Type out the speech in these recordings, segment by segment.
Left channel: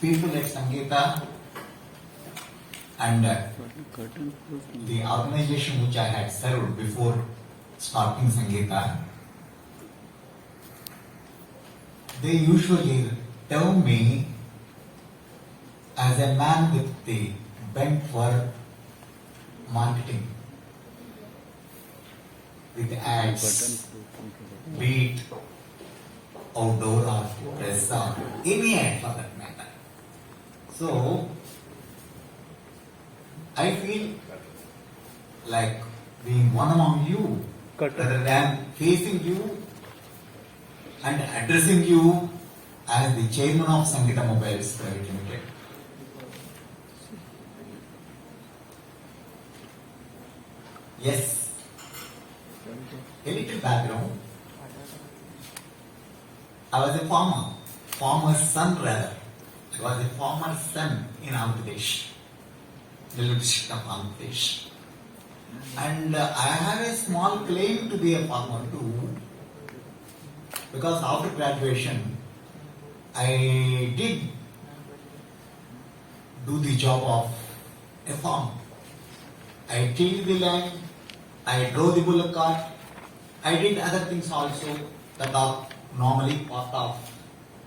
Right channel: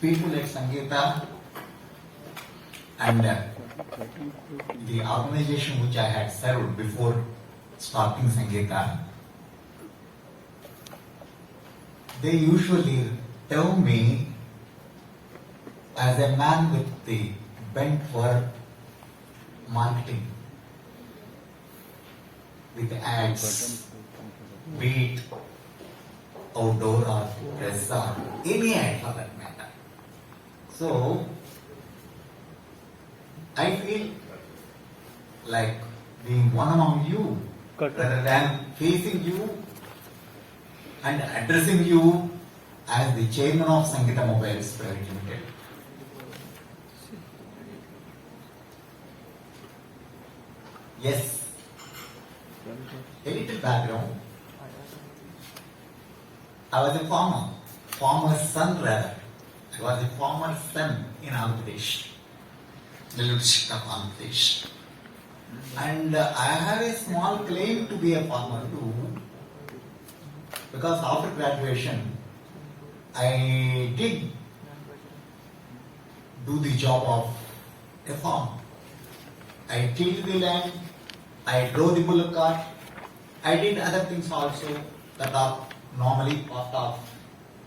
People at Sangeetha and the organization which I had served before starting Sangeetha, they usually term me as a man with the bent for marketing, with ads, be it outdoor or press or any ad for that matter. So, I feel like being one among you rather than facing you and addressing you as the chairman of Sangeetha Mobiles Private Limited. Yes, a little background. I was a farmer's son rather. I was a farmer's son in Andhra Pradesh, Nellore district of Andhra Pradesh. And I have a small claim to be a farmer too, because after graduation, I did do the job of a farmer. I tilled the land, I drove the bullock cart, I did other things also that are normally part of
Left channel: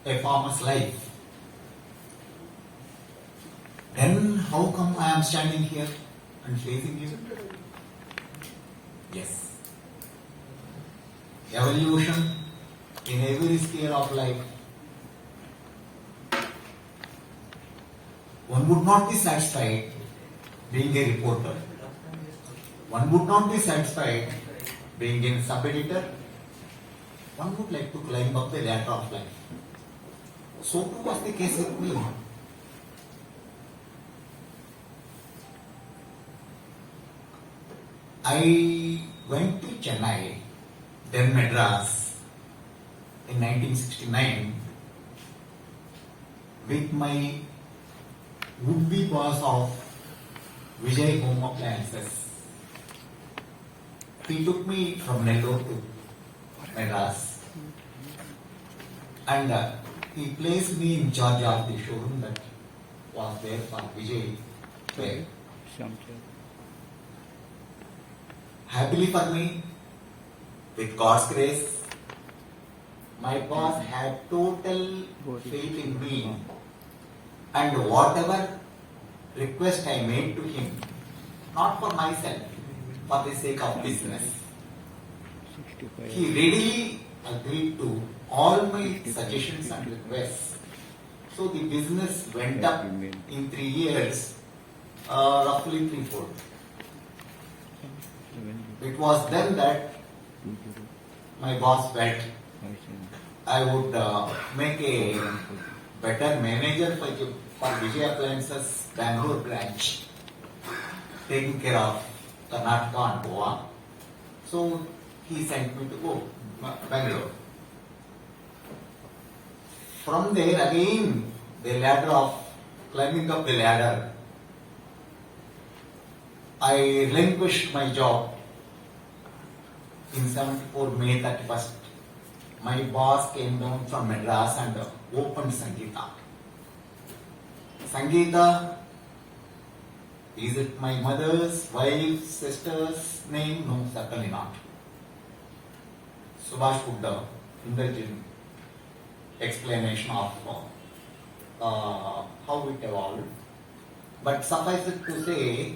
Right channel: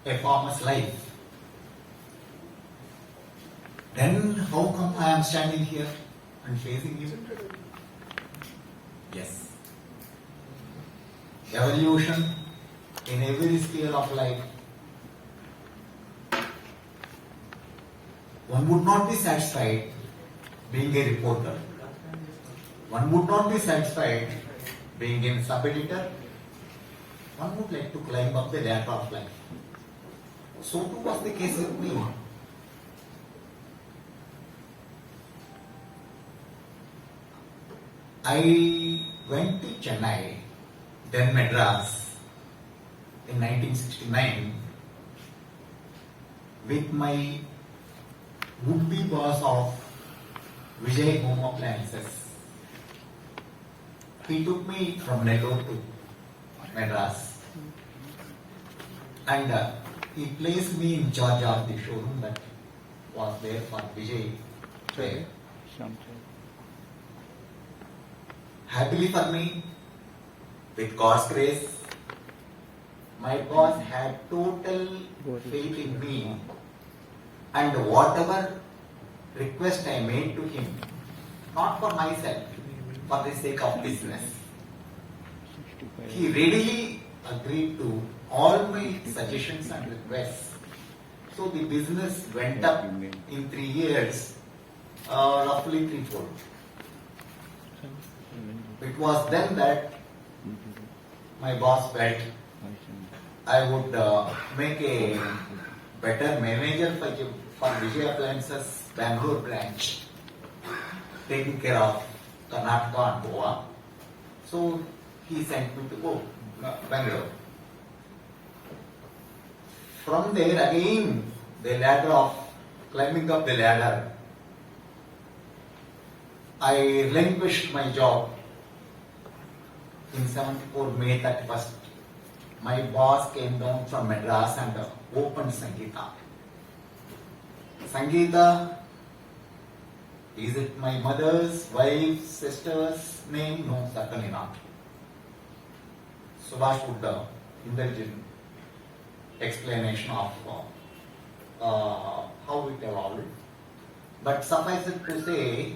a farmer's life. Then how come I am standing here and facing you? Yes. Evolution in every sphere of life. One would not be satisfied being a reporter. One would not be satisfied being a sub-editor. One would like to climb up the ladder of life. So too was the case with me. I went to Chennai, then Madras, in 1969 with my would-be boss of Vijay Home Appliances. He took me from Nellore to Madras and he placed me in charge of the showroom that was there for Vijay. Happily for me, with God's grace, my boss had total faith in me, and whatever request I made to him, not for myself, for the sake of business, he readily agreed to all my suggestions and requests. So the business went up in 3 years, roughly threefold. It was then that my boss felt I would make a better manager for Vijay Appliances Bangalore branch, taking care of Karnataka and Goa. So he sent me to go Bangalore. From there again, the ladder of climbing up the ladder, I relinquished my job in 74 May 31st. My boss came down from Madras and opened Sangeetha. Sangeetha, is it my mother's, wife's, sister's name? No, certainly not. Subhash would indulge in explanation of how it evolved. But suffice it to say,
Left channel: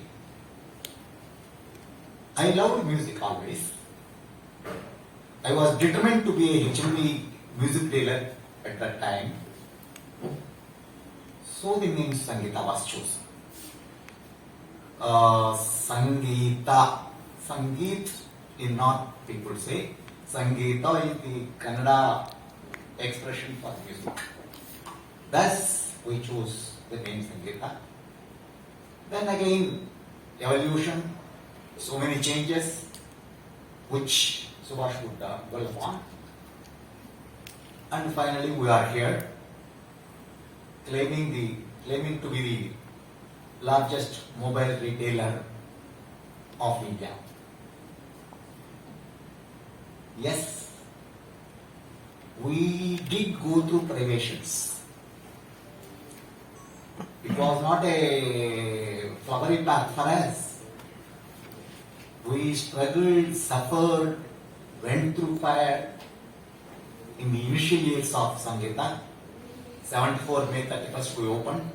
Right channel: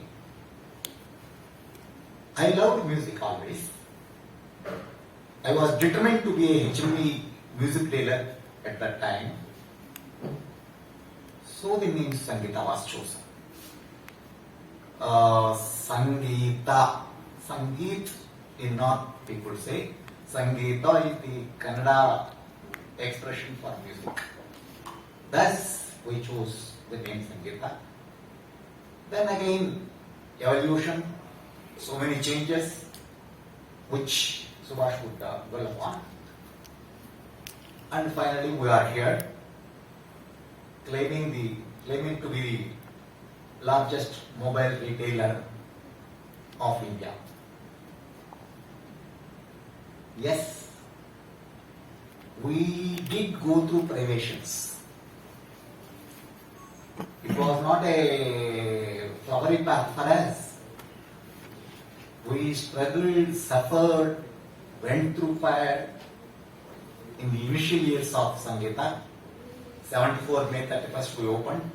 I loved music always. I was determined to be a HND music dealer at that time. So the name Sangeetha was chosen. Sangeetha. Sangeet is not, people say. Sangeetha is the Kannada expression for music. Thus, we chose the name Sangeetha. Then again, evolution, so many changes, which Subhash would dwell upon. And finally, we are here, claiming to be the largest mobile retailer of India. Yes, we did go through privations. It was not a flowery path for us. We struggled, suffered, went through fire in the initial years of Sangeetha. 74 May 31st we opened.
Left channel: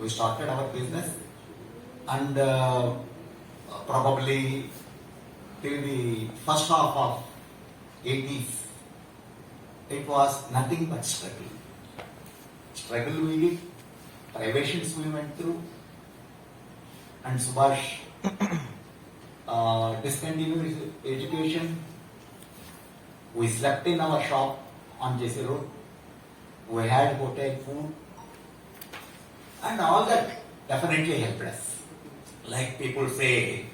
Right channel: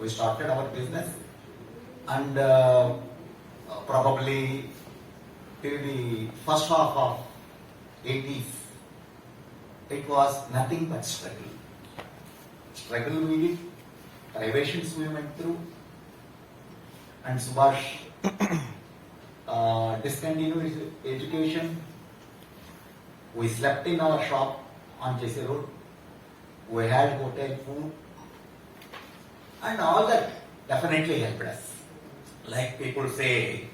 We started our business, and probably till the first half of 80s, it was nothing but struggle. Struggle we did, privations we went through, and Subhash discontinued his education. We slept in our shop on JC Road. We had hotel food, and all that definitely helped us. Like people say,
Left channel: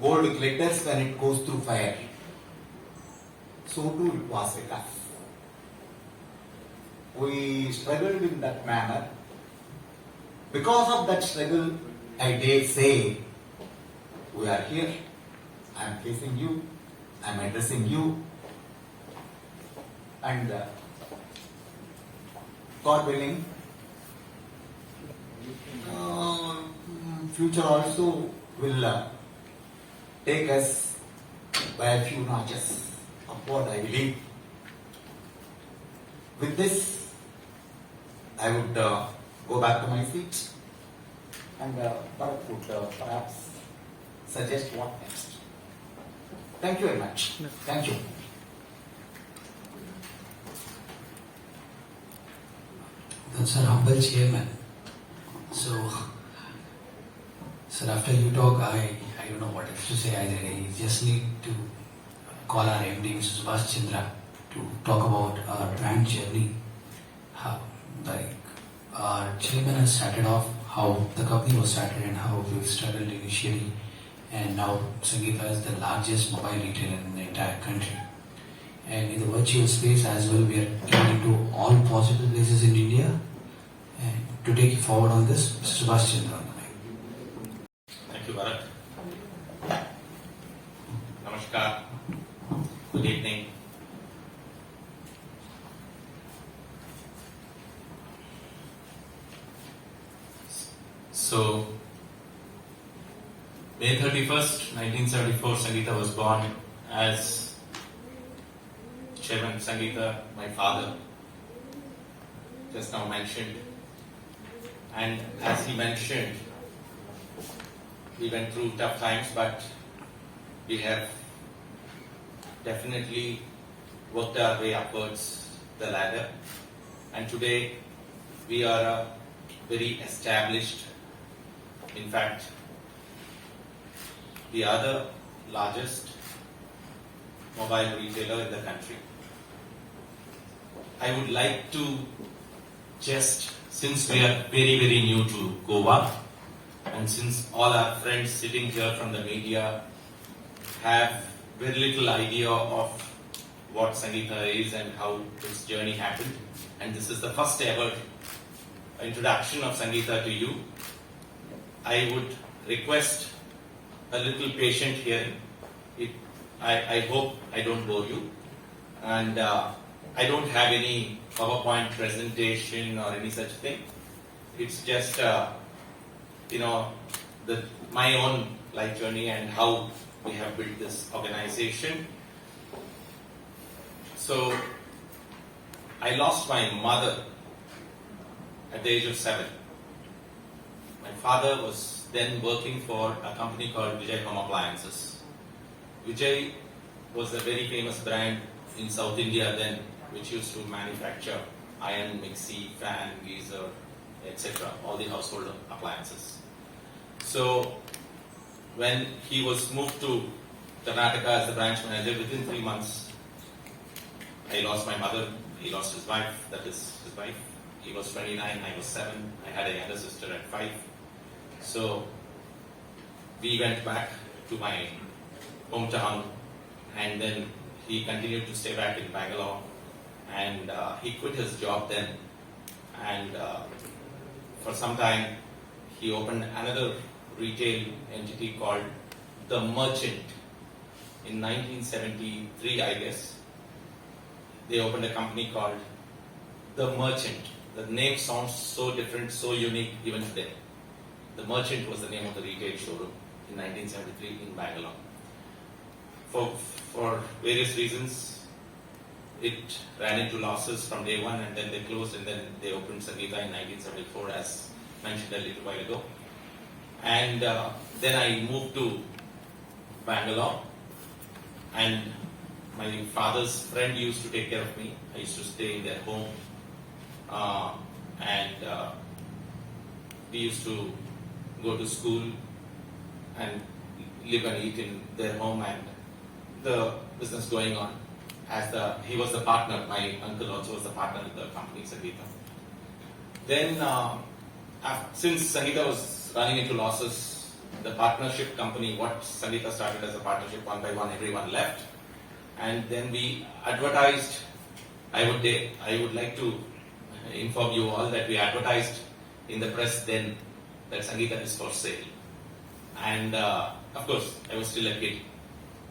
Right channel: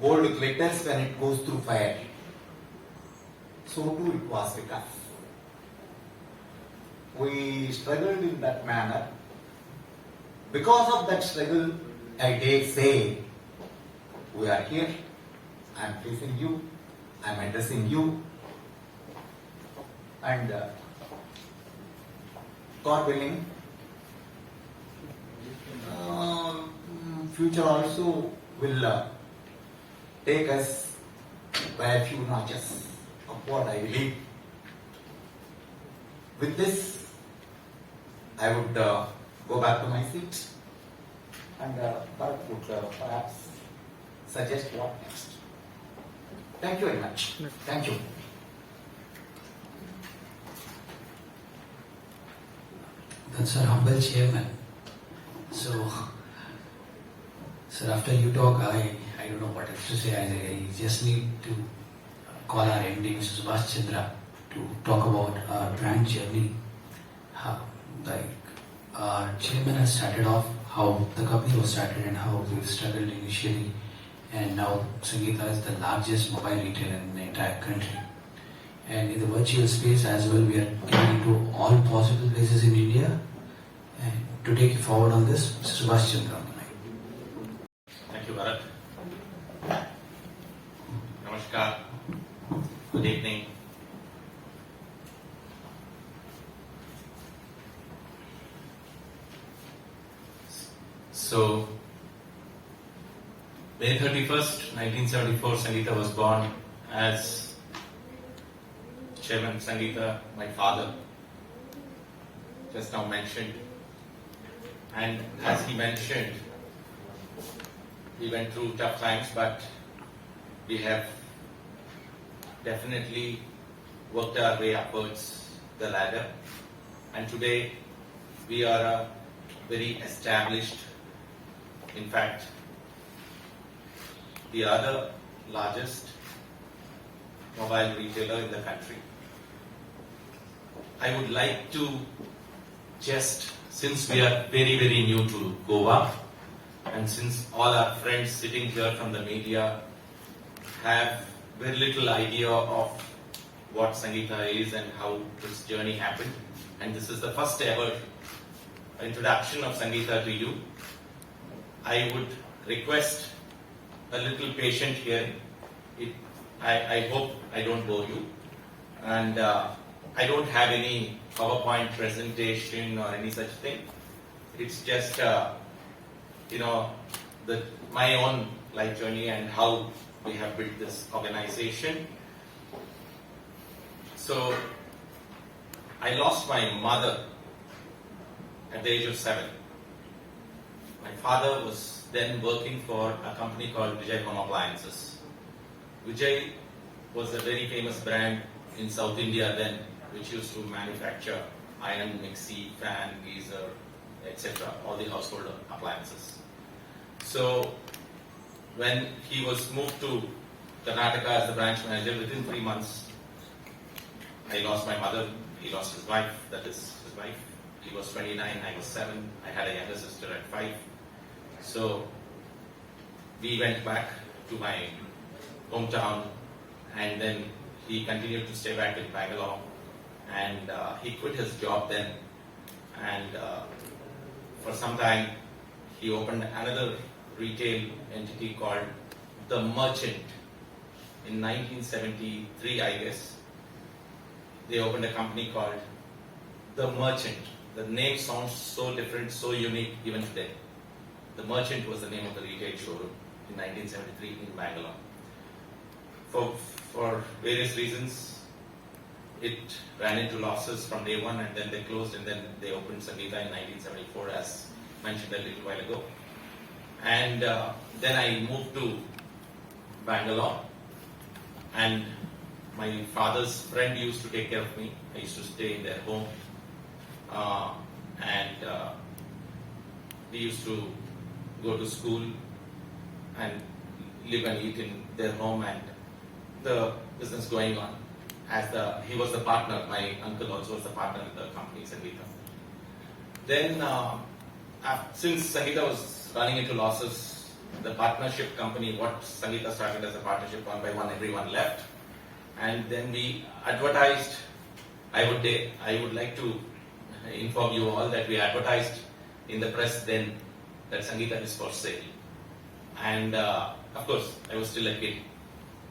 gold glitters when it goes through fire. So too it was with us. We struggled in that manner. Because of that struggle, I dare say, we are here. I am facing you. I am addressing you. And God willing, future also will take us by a few notches upward, I believe. With this, I would go back to my seat, and Bharat would perhaps suggest what next. Thank you very much. Thank you. That's our humble chairman. So, sir, after you talk, I don't know what else to say. I just need to call our MD, Mr. Subhash Chandra, to talk about our brand journey. How, our chairman has started off how the company was started and how we struggled initially, and now Sangeetha is the largest mobile retailer in the entire country. And in the virtual space as well, we are getting into all possible places in India. And to take you forward on this, Mr. Subhash Chandra. Thank you, Bharat. Namaskar. Good evening. So, May 31st, 1974, Sangeetha was born. As Chairman Sangeetha, my father, just now mentioned. And as he mentioned, we went through tough times, but we have definitely worked our way upwards the ladder. And today, we are a very established, in fact, the other largest mobile retailer in the country. I would like to just, since we are very, very new to Goa, and since all our friends sitting here from the media have very little idea of what Sangeetha is and how this journey happened, and this is the first ever introduction of Sangeetha to you, I would request a little patient hearing. I hope I don't bore you, and I don't have any PowerPoint presentation or any such thing. It's just my own life journey and how we have built this organization. So I lost my mother at the age of 7. My father was then working for a company called Vijay Home Appliances. Vijay was a very famous brand in South India then, which used to manufacture iron, mixie, fan, geyser, etc., all the household appliances. So when he was moved to Karnataka as the branch manager, within 3 months, I lost my mother, he lost his wife, that is his wife. He was 29, I was 7, I had a younger sister at 5. So we went back to my hometown, and then he continued to stay back in Bangalore, and he quit his job then, and for some time he opened another retail entity called The Merchant in 1973, I guess. they opened a company called The Merchant. The name sounds so different, so unique even today. The Merchant was the name of the retail showroom in 1973 in Bangalore. For various reasons, it ran into losses from day one, and then they closed, and then they opened Sangeetha in 1974, as mentioned a little while ago. And then I moved to Bangalore, and my father's friend used to take care of me. I used to stay in their home, and we used to go to school and live and eat in their home, and the business going on. He was the partner. My uncle also was the partner in the company Sangeetha. Then, since Sangeetha was running into losses, the partnership company, what Sangeetha started as a partnership, one by one, everyone left. And then we advertised. I would like to inform you all that we advertised in the press then that Sangeetha is for sale. And of course, I was still a kid,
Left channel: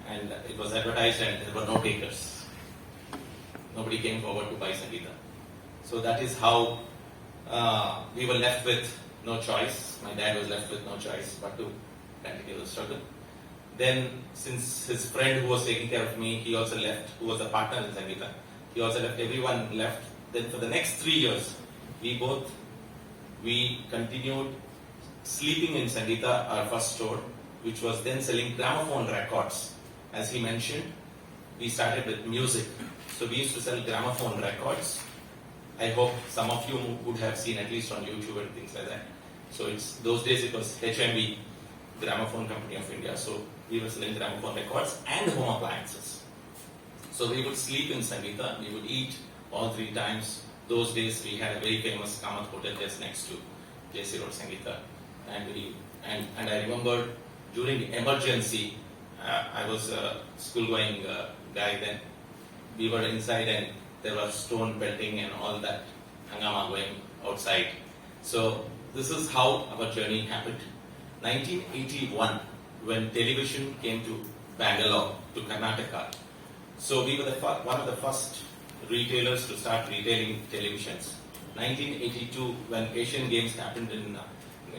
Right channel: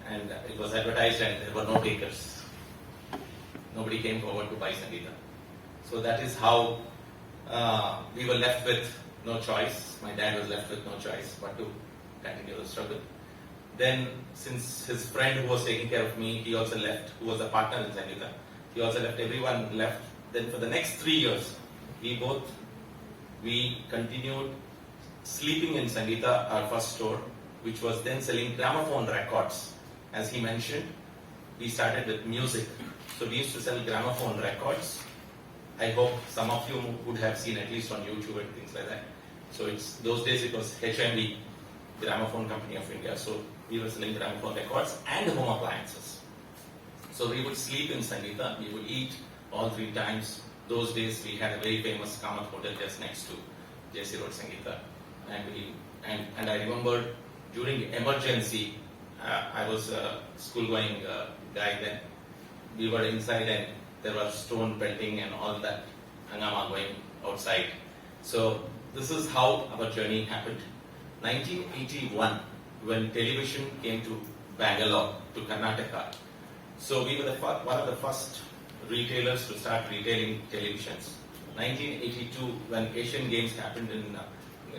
and it was advertised, and there were no takers. Nobody came forward to buy Sangeetha. So that is how we were left with no choice. My dad was left with no choice but to continue the struggle. Then, since his friend who was taking care of me, he also left, who was a partner in Sangeetha, he also left, everyone left. Then for the next 3 years, we continued sleeping in Sangeetha, our first store, which was then selling gramophone records. As he mentioned, we started with music. So we used to sell gramophone records. I hope some of you would have seen at least on YouTube and things like that. So those days it was HMV, Gramophone Company of India. So we were selling gramophone records and home appliances. So we would sleep in Sangeetha, we would eat all 3 times. Those days we had a very famous Kamath hotel just next to JC Road Sangeetha. And I remember during the emergency, I was a school-going guy then. We were inside and there was stone pelting and all that hangama going outside. So this is how our journey happened. 1981, when television came to Bangalore, to Karnataka. So we were one of the first retailers to start retailing televisions. 1982, when Asian Games happened in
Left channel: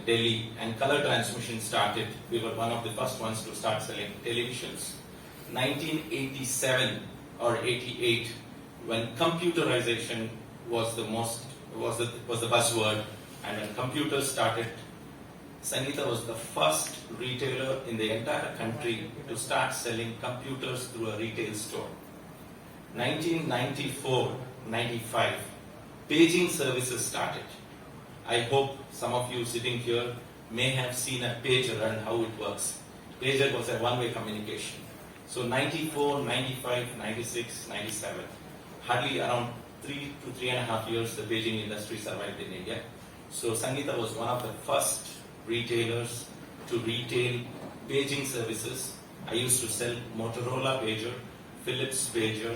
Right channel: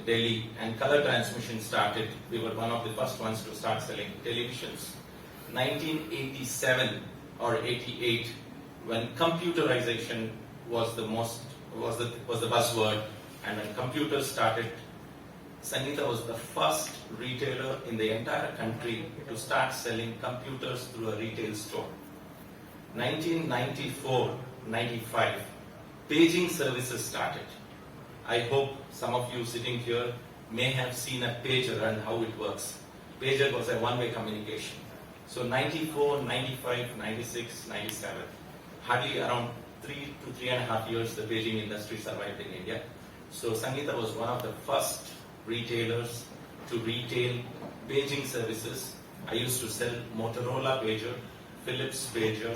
Delhi and color transmission started, we were one of the first ones to start selling televisions. 1987 or 88, when computerization was the buzzword, and when computers started, Sangeetha was the first retailer in the entire country to start selling computers through a retail store. 1994-95, paging services started. I hope some of you sitting here may have seen a pager and how it works. Pager was a one-way communication. So 94, 95, 96, 97, hardly around 3 to 3.5 years the paging industry survived in India. So Sangeetha was one of the first retailers to retail paging services. I used to sell Motorola pager, Philips pager,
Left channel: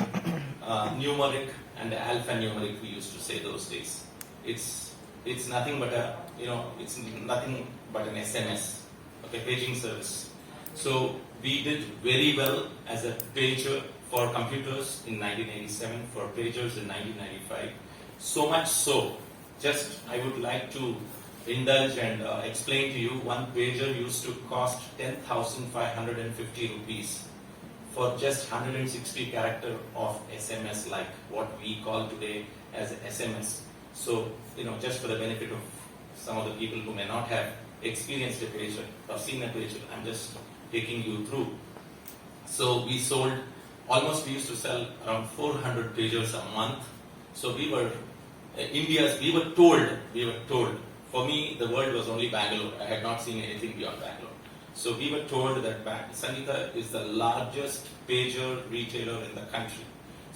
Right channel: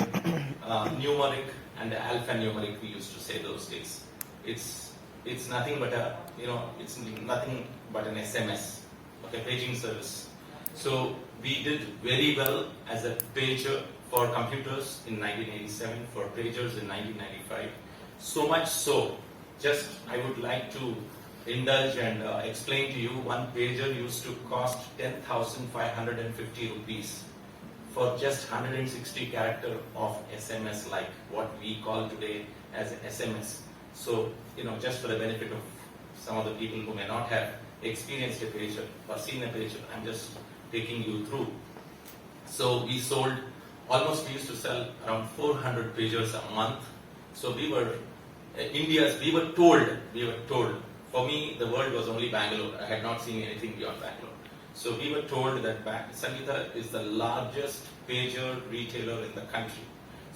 numeric and alphanumeric we used to say those days. It's nothing but it's nothing but an SMS, okay, paging service. So we did very well as a pager for computers in 1987, for pagers in 1995. So much so, just I would like to indulge and explain to you, one pager used to cost 10,550 rupees for just 160 character of SMS, like what we call today as SMS. So, just for the benefit of some of the people who may not have experienced a pager or seen a pager, I'm just taking you through. So we used to sell around 400 pagers a month. So we were told, for me, the world was only Bangalore. I had not seen anything beyond Bangalore. So we were told that Sangeetha is the largest pager retailer in the country.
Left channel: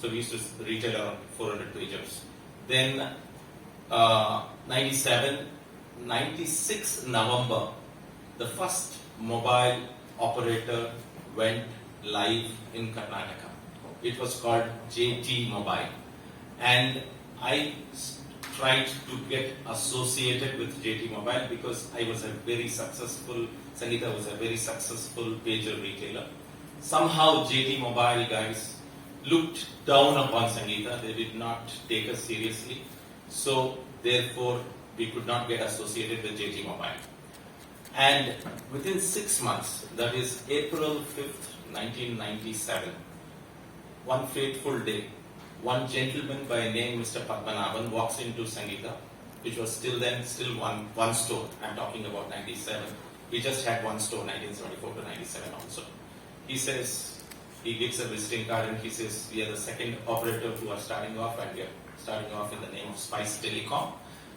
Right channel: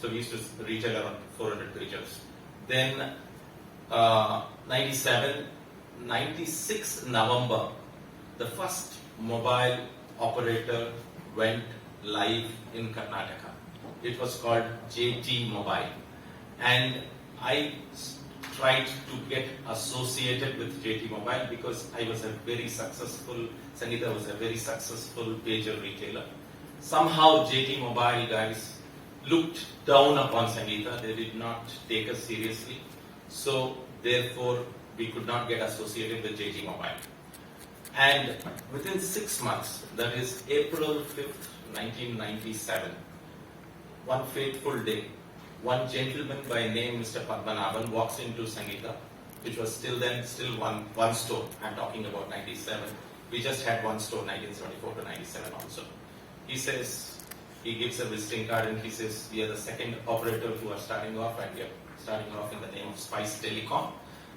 So we used to retail around 400 pagers. Then 96 November, the first mobile operator went live in Karnataka. It was called JT Mobile. And I tried to get associated with JT Mobile because Sangeetha was a very successful pager retailer. Somehow JT Mobile guys looked down upon Sangeetha. They did not take us seriously. So, therefore, we could not get associated with JT Mobile. And within 6 months, that is April 5th, 1997, one fateful day, one gentleman by name Mr. Padmanabhan walks into Sangeetha, which was still one store. I'm talking about 97. We just had one store, 1974 to 97 also. He says, he gives a visiting card and he says, we are the second operator who are starting off, and we are starting off in the name of Spice Telecom.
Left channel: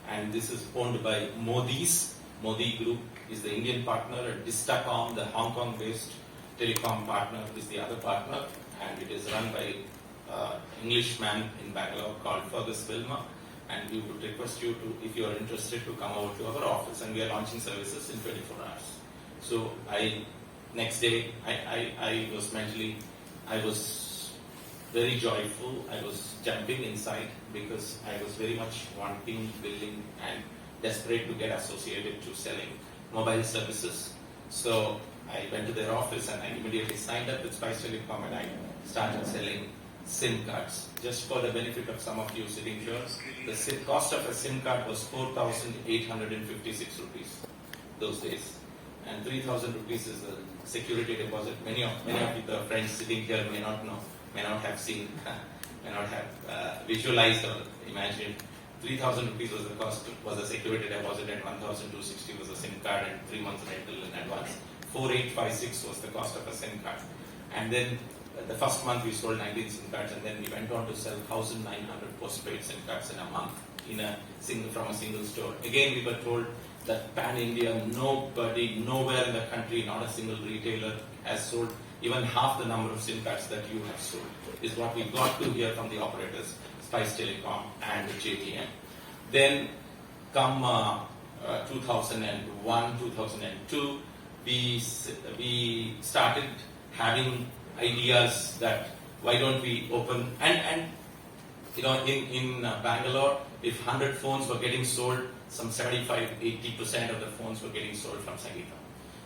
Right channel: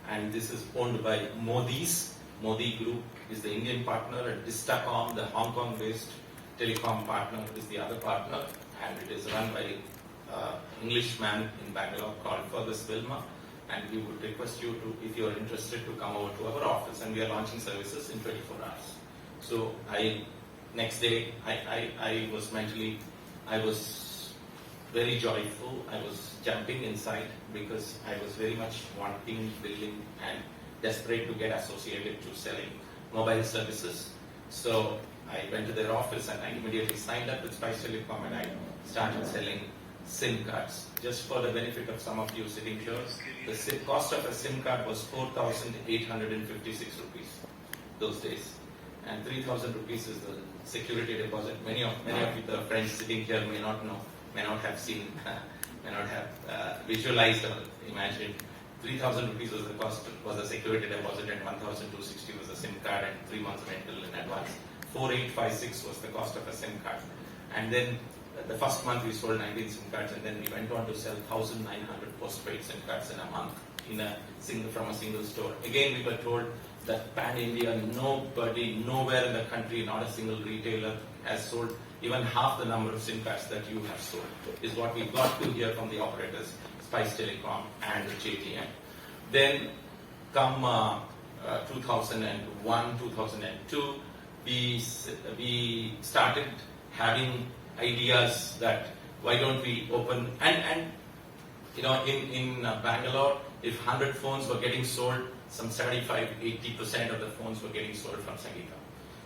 And this is owned by Modi's. Modi Group is the Indian partner, and Distacom, the Hong Kong-based telecom partner, is the other partner. And it is run by Englishman in Bangalore called Fergus Wilmer, and we would request you to, if you are interested, to come over to our office, and we are launching services in 24 hours. So next day, I was very joyful. I was jumping inside because I was very much wanting, willing, and desperate to get associated to selling mobile services. So I went to their office and I immediately signed up with Spice Telecom, and I started selling SIM cards. Just for the benefit of some of you sitting here, the cost of a SIM card was 4,856 rupees those days, and 3,000 rupees is the security deposit. Many of your friends sitting here may not know, may not have seen, may not have visualized or imagined. 3,000 rupees was the cost, was the security deposit, and 1,260 was the SIM card, and 3 months rental in advance. 4,856 was the cost of a SIM card, and then the first month we sold 19 SIM cards, and then we went on to sell 1,900 postpaid SIM cards in a month from a single store. Again, we were told that pan-India, nobody, nowhere in the country, not a single retailer has sold even half the number of SIM cards that you have sold, is what we got to hear from the operators, Spice Telecom and JTM. Then come 2001, 2002, we started having ideas that why don't we open, and in Bangalore, if 100 phones were getting sold, some 75-80% of the phones were getting sold from Sangeetha.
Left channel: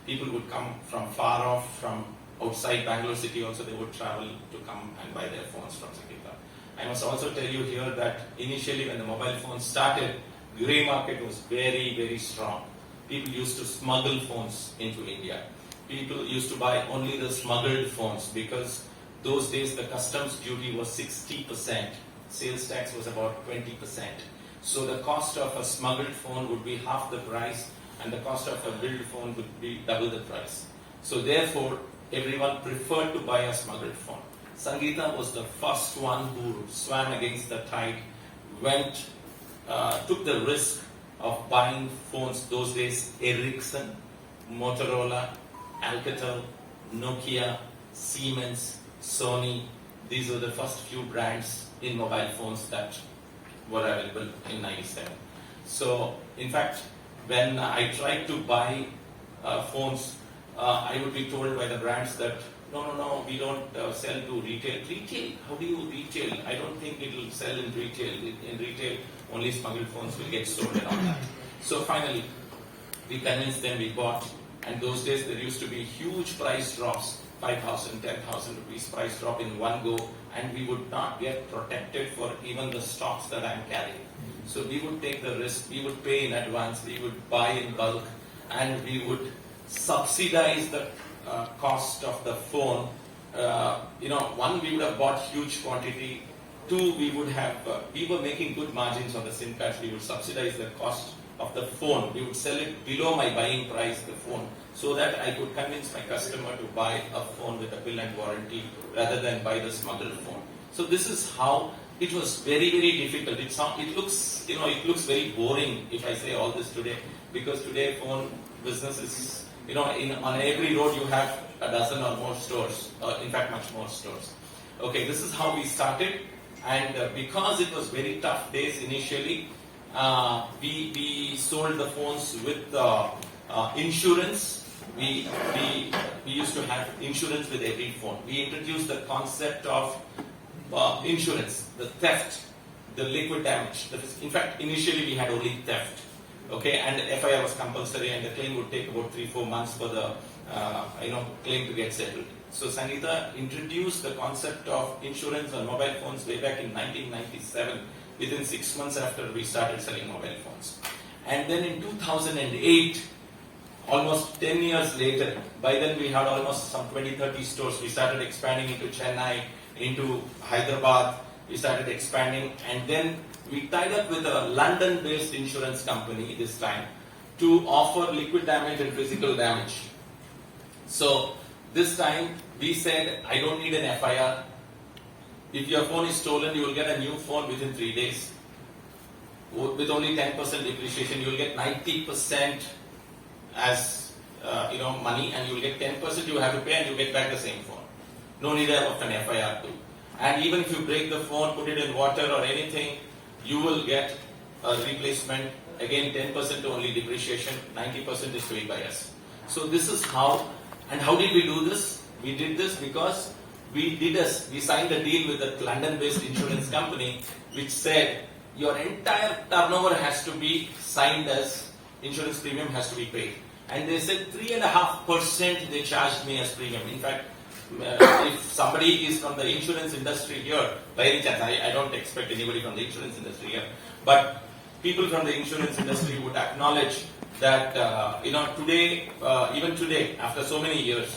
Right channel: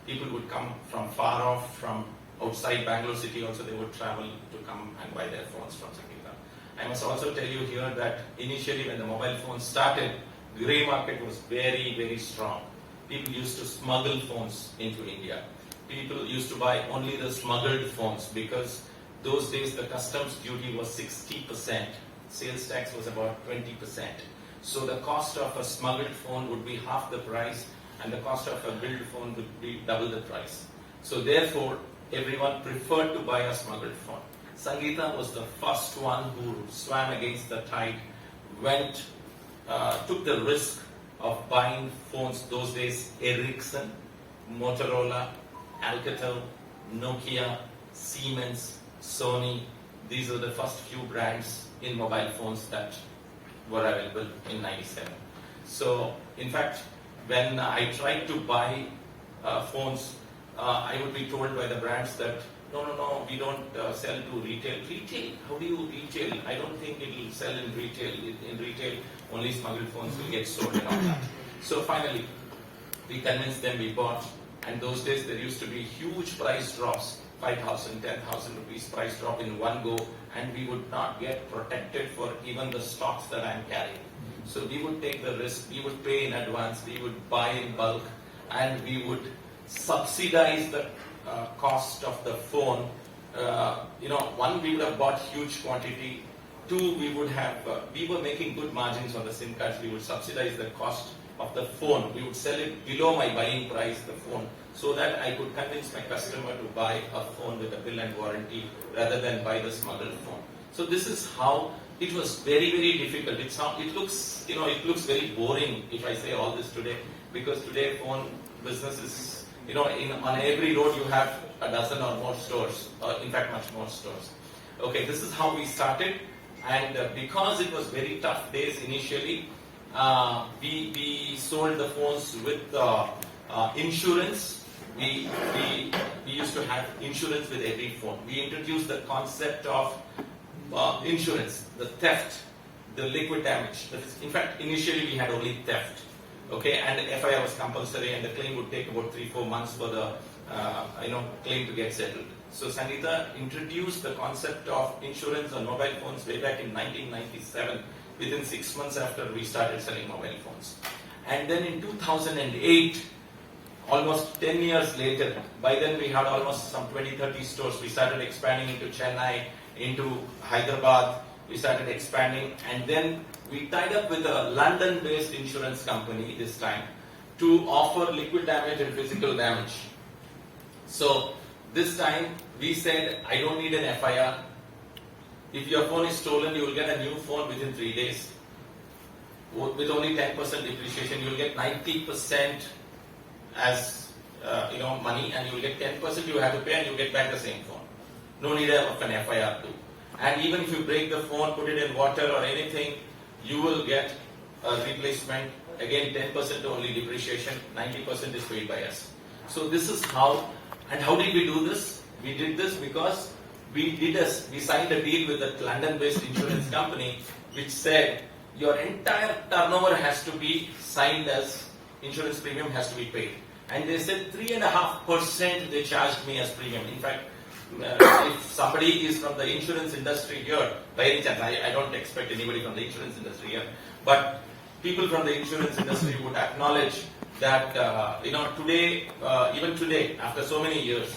People would come from far off, from outside Bangalore city also, they would travel to come and buy their phones from Sangeetha. I must also tell you here that initially when the mobile phones started, grey market was very, very strong. People used to smuggle phones into India. People used to buy only the smuggled phones because those days the customs duty was 60%, sales tax was about 20%. So the cost of a smuggled phone would be half the price, and the cost of a billed phone would be double the price. So therefore, everyone preferred to buy a smuggled phone. Sangeetha was the first one who swam against the tide, took the risk of buying phones those days, Ericsson, Motorola, Alcatel, Nokia, Siemens, Sony. These were the first few brands in mobile phones that were available in 97. So, in fact, when I tried to buy phones, I would be told by the brands that, no, we don't sell to retail. Retail? How do you retail? I don't think it will sell in retail. In retail, only smuggled phones will get sold and all that. So finally, we convinced them, we bought. And those days there used to be huge price drops, 5,000, 10,000 rupees price drop in one go, and we would not get protected for even the stocks that I'm carrying. So we would take the risk, we would pay in advance, we would buy in bulk, and we would subsidize the cost of the phone. One, we would have bought huge quantity. Two, we were making good margins on the SIM cards. We would subsidize the cost of the phone. We would sell it below my buying price, the phone, so that I could convince my customer to buy a phone with a bill and warranty rather than buy the smuggled phone. So this is how it was very, very difficult. It looks very boring if I say all this today, because today phone business is, on every road you have a dozen or more stores, or in fact much more stores. Okay, this is how we started, and because it was very tough days initially, we sold the phones with insurance. We used to have insurance with every phone. We introduced the concept of insurance, the theft, the liquid damage. In fact, initially we had only theft. Okay, and the FIR was compulsory, and the claim would take about 3-4 months for the claim to get settled. So Sangeetha introduced the concept of insurance on mobile phones way back in 1997, within 6 months after we started selling mobile phones. And then in 2008, almost 10 years later, by then we had almost some 20-30 stores. We started expanding into Chennai, into Hyderabad. We started expanding, and then we tied up with a London-based insurance company this time to offer liquid damage and physical damage. So this time we said, I don't need an FIR. If your phone is stolen, you will get a new phone within 3 days. With only 10% depreciation, you will get 90% as money, and you will get 10% you have to pay, and you get back the same phone. No need of an FIR too. And even if you break the phone, put it in water or anything, you will get a replacement. Again, 10% only depreciation, 90% is paid by us. So this is how, and how did we do this? We did this because we signed a deal with a London-based insurance company which said your entire turnover has to be signed as insurance premium has to be paid. And they said 3.5% they charged me as premium. In fact, if somebody is from the insurance industry here, by any chance, I don't expect anybody from the insurance industry here, but people from the insurance industry would acknowledge that, today, even today, after so many years,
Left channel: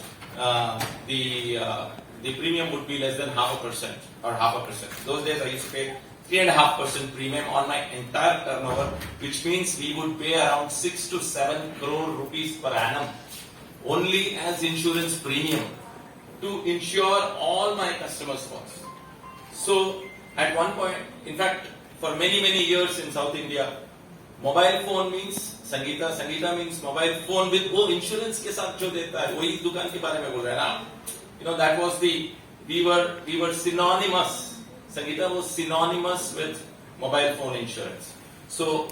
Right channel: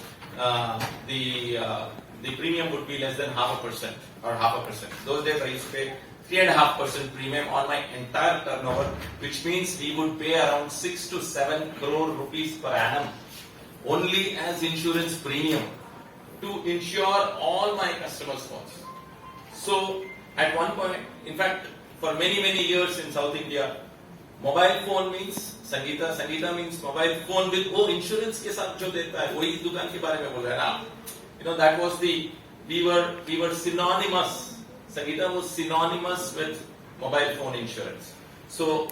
the premium would be less than 0.5% or 0.5%. Those days I used to pay 3.5% premium on my entire turnover, which means we would pay around 6 to 7 crore rupees per annum only as insurance premium to insure all my customers' phones. So at one point, in fact, for many years in South India, mobile phone means Sangeetha, Sangeetha means mobile phone with insurance के साथ जो देता है वही दुकान के बारे में बोल रहा है ना. That was we were synonymous. Sangeetha was synonymous with mobile phone insurance. So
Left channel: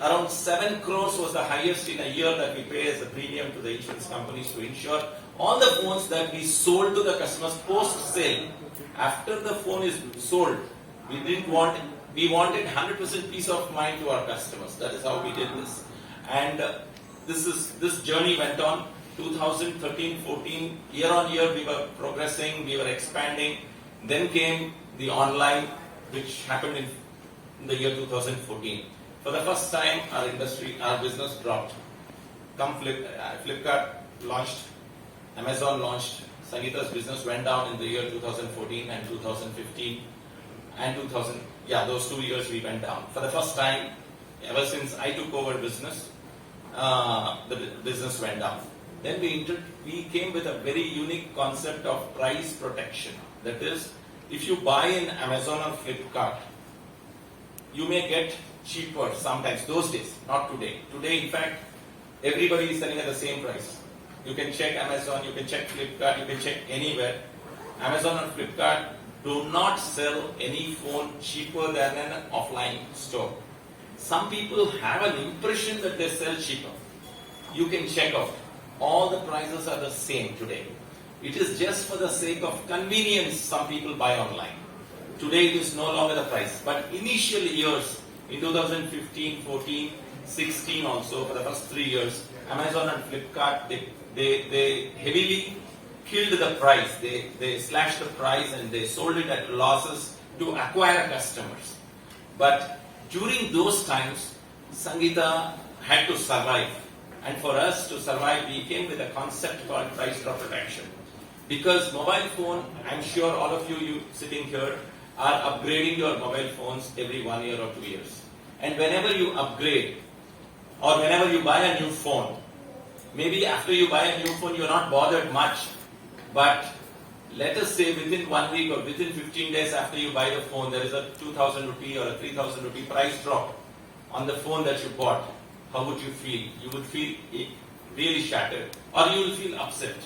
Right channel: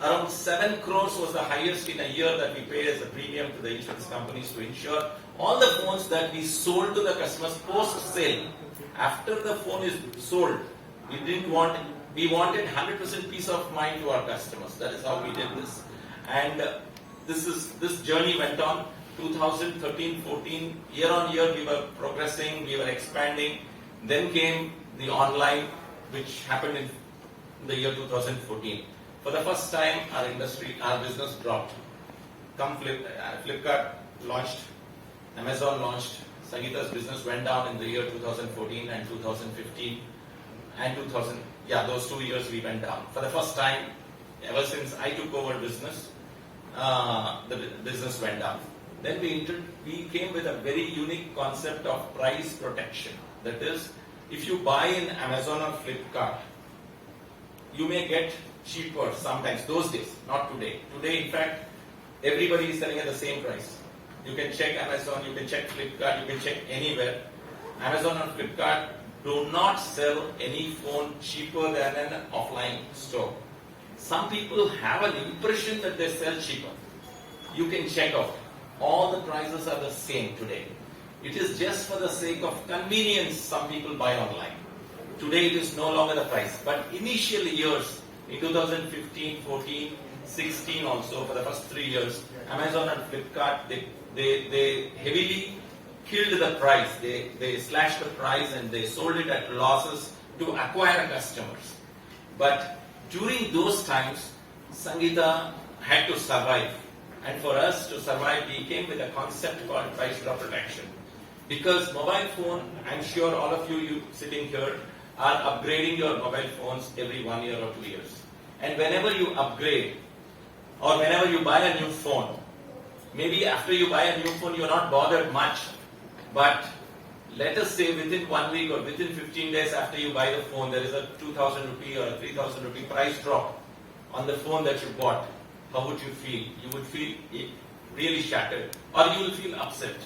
around 7 crores was the highest in a year that we paid as a premium to the insurance companies to insure all the phones that we sold to the customers post-sale. After the phone is sold, we wanted 100% peace of mind to our customers. That is how we did this. And this journey went on. 2013-14, year on year we were progressing, we were expanding. Then came the online, which happened in the year 2014. For the first time, our business dropped. Flipkart launched, Amazon launched, Sangeetha's business went down in the year 2014 and 2015 and those 2 years we went down. For the first time, ever since I took over business, the business went down. Then we came with a very unique concept of price protection. That is, if you buy in Amazon or Flipkart, you may get cheaper sometimes, those days, not today. Today, in fact, everybody is selling at the same price. You can check Amazon, you can check Flipkart, you can check anywhere. Amazon or Flipkart do not sell any phone cheaper than an offline store. Some people have an impression that they sell cheaper. You can check out. All the prices are the same today. It is just for the sake of convenience some people buy online. Today it is no longer the price. But initial years, in 2015, 14, 16 also, for the first 3 years, Amazon and Flipkart, they heavily killed the price. They slashed the price and they sold it at losses to acquire customers. But during those times, Sangeetha had to survive. And for us to survive, we came with a concept called price drop protection. Because mobile phone, I'm sure all of you sitting here are upgrading your mobile phones every 1 year or 2 years. And whenever you upgrade or whenever you buy a new phone, maybe after you buy a new phone, you're not bothered much. But let us say within 1 week or within 15 days after you buy the phone, there is a 2,000 rupee or a 3,000 rupee price drop on the phone that you bought. How would you feel? You would feel really shattered, or you will feel upset.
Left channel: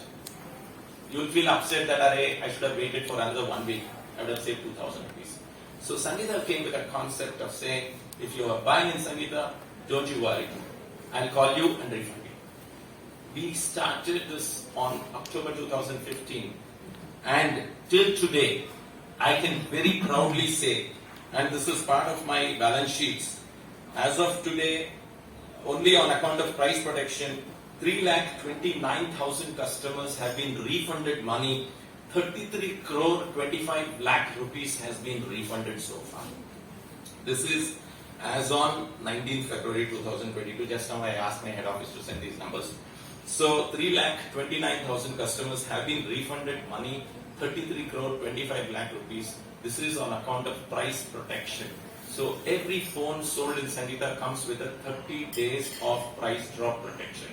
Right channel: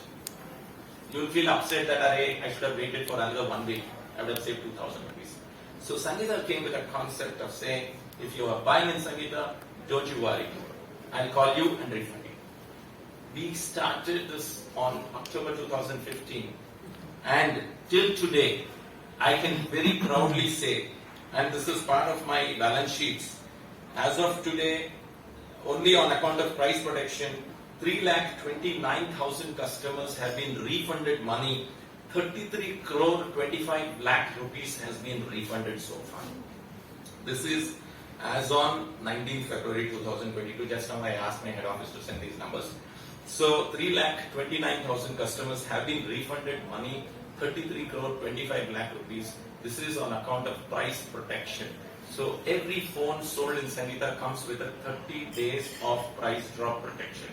You will feel upset that I should have waited for another 1 week. I would have saved 2,000 rupees. So Sangeetha came with a concept of saying, if you are buying in Sangeetha, don't you worry. I'll call you and refund you. We started this on October 2015, and till today, I can very proudly say, and this is part of my balance sheets, as of today, only on account of price protection, 3,29,000 customers have been refunded money. 33 crore 25 lakh rupees has been refunded so far. This is as on 19th February 2022. Just now I asked my head office to send these numbers. So 3,29,000 customers have been refunded money, 33 crore 25 lakh rupees. This is on account of price protection. So every phone sold in Sangeetha comes with a 30 days of price drop protection.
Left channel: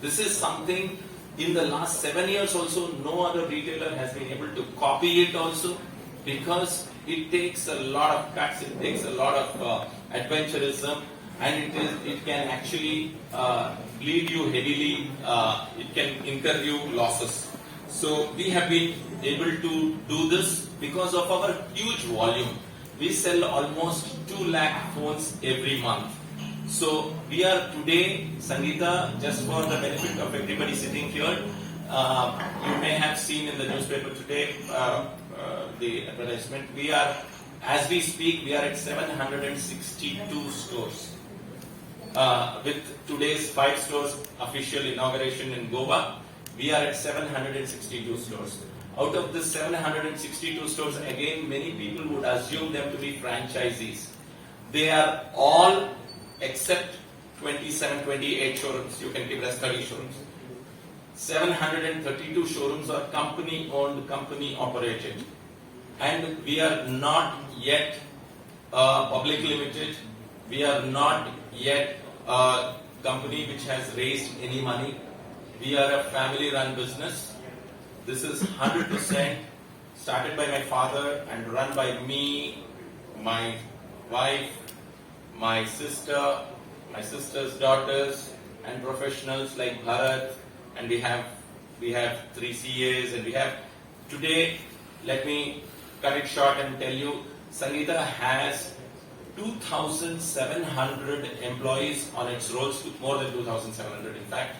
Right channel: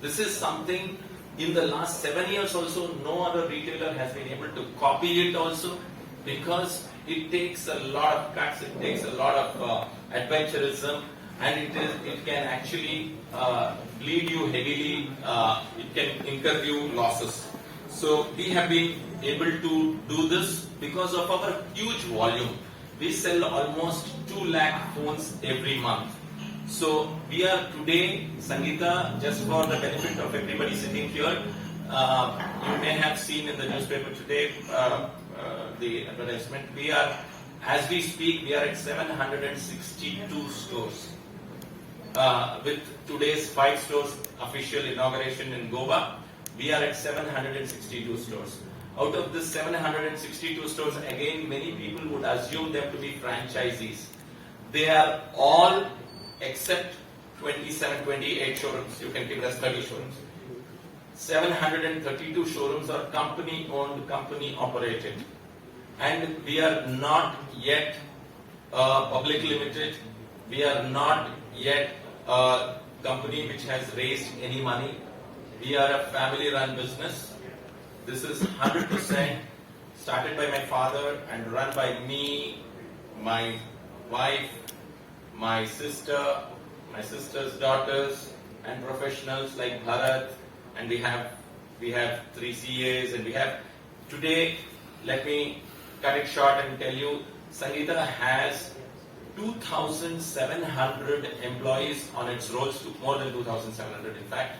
This is something in the last 7 years also no other retailer has been able to copy it also, because it takes a lot of cuts, it takes a lot of adventurism, and it can actually bleed you heavily, it can incur you losses. So we have been able to do this because of our huge volume. We sell almost 2 lakh phones every month. So we are today, Sangeetha, just for the benefit of everybody sitting here, you may have seen in the newspaper today the advertisement. We are, as we speak, we are at 762 stores. With today's 5 stores official inauguration in Goa, we are at 762 stores. Out of this 762 stores, again, many people would assume them to be franchisees. They are all except 27, 28 showrooms. You can give us 30 showrooms. 732 showrooms are company owned, company operated. And we are not yet public limited. We are not yet a company which has raised any money. We are a family run business. This is 100% started by my father and run by me, my wife, my sister, my sister's daughters, and professionals like Bharat. And we have 3 CAs, and we have today, let me cut it short and tell you, Sangeetha has 2,700 employees on its rolls, more than 2,700 in fact.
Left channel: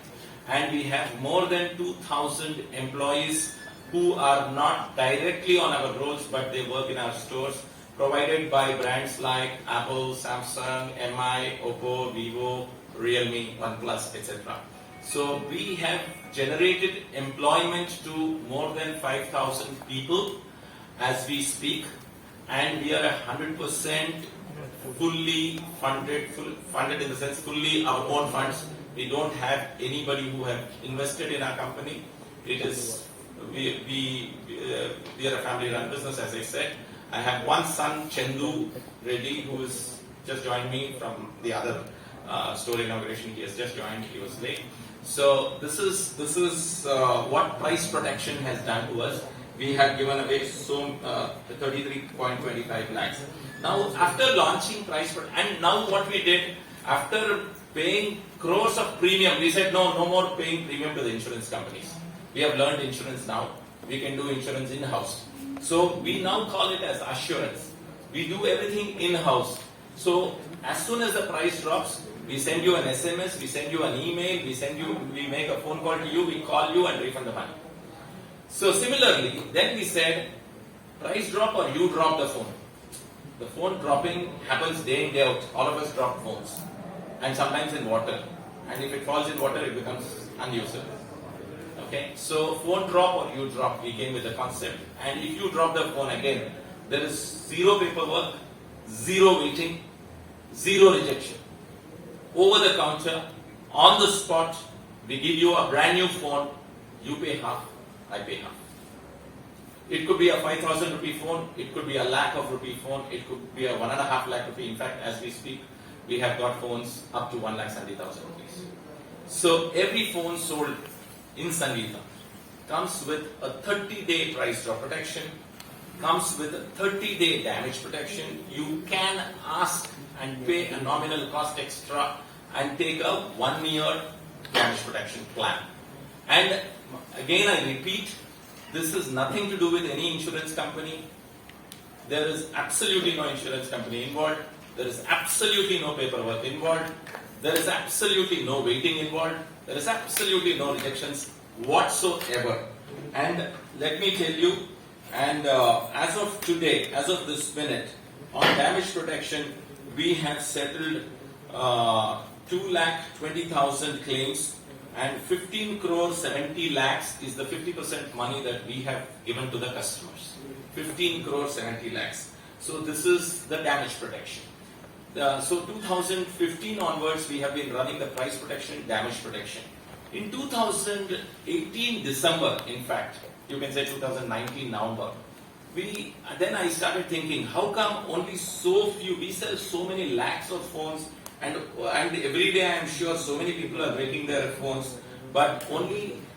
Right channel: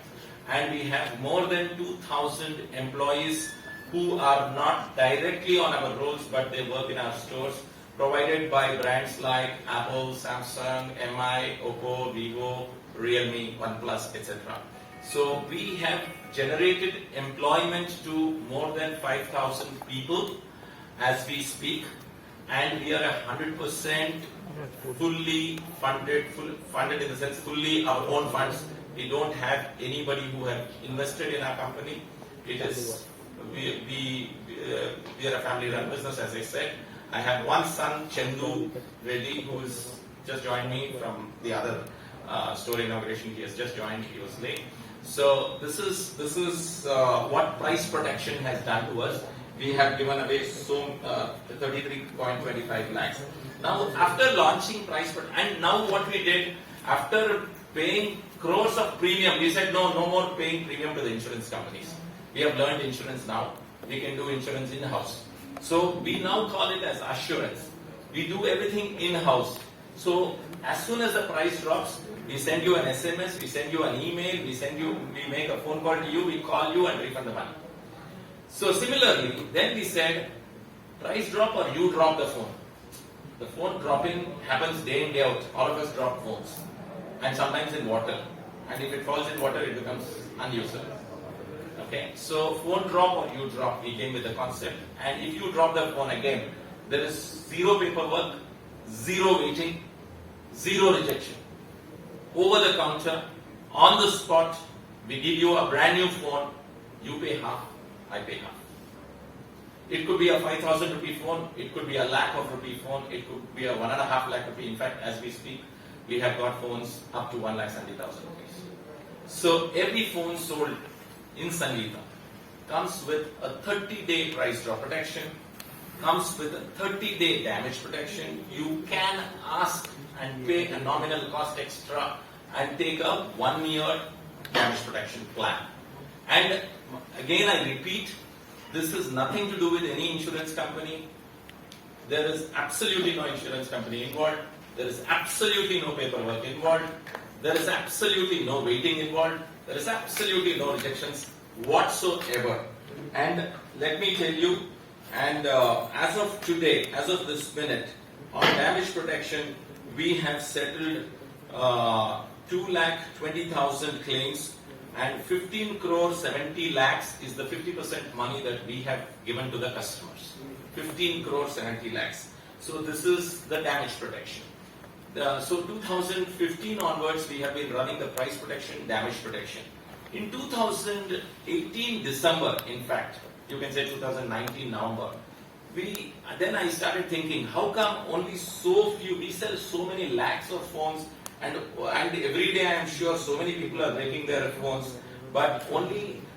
And we have more than 2,000 employees who are not directly on our rolls, but they work in our stores, provided by brands like Apple, Samsung, MI, Oppo, Vivo, Realme, OnePlus, etc. So we have generated employment to more than 5,000 people as we speak, and we are 100% fully funded in the sense fully our own funds. We don't have anybody who have invested in our company. It is we are a family-run business, as I said. I have one son, Chandu, Reddy, who has just joined me from the other store inauguration. He has just joined. He was late. So this is what price protection has done to us. We have given away 33.25 lakhs. Now, after launching price protection, and now what we did after paying crores of premium, we said no more paying premium to the insurance companies. We have learned insurance now. We can do insurance in-house. So we now call it as assurance. We do everything in-house. So as soon as the price drops, we send you an SMS, we send you an email, we make a phone call to you, we call you and refund the money. So similarly, then we said, price drop or you drop the phone. The phone dropping happens day in, day out. All of us drop phones. And sometimes in water. And if it falls in water, it becomes unusable. Okay, so phone drop or you drop, we came with the concept. And if you drop the phone again, there is zero paperwork, zero waiting, zero rejection. Over the counter, on the spot, we give you a brand new phone, you pay half, I pay half. It could be a 5,000 rupee phone, it could be a lakh of rupee phone, it could be a 1.5 lakh rupee. In fact, as we speak, we have got phones up to 1,70,000 rupees. So every phone sold in Sangeetha comes with a 30-day price drop protection, comes with a 30-day damage protection. You can ask and pay a nominal cost extra and take a 1-year damage protection plan. And again, I repeat, this is nothing to do with any insurance company. There is absolutely no insurance company involved. There is absolutely no paperwork involved. There is absolutely no waiting involved. There is absolutely no rejections whatsoever. And let me tell you, and as of today, as of this minute, on damage protection, we have settled 2,20,000 claims, and 15 crore 70 lakhs is the 50% money that we have given to the customers. 15 crore 70 lakhs. So this is the damage protection. So 2015 onwards, we have been running the price protection, damage protection. In 2018 December, in fact, you can say 2019 November, then I started thinking, how come only so few, we sell so many lakhs of phones, and every day I am sure so many people are breaking their phones, but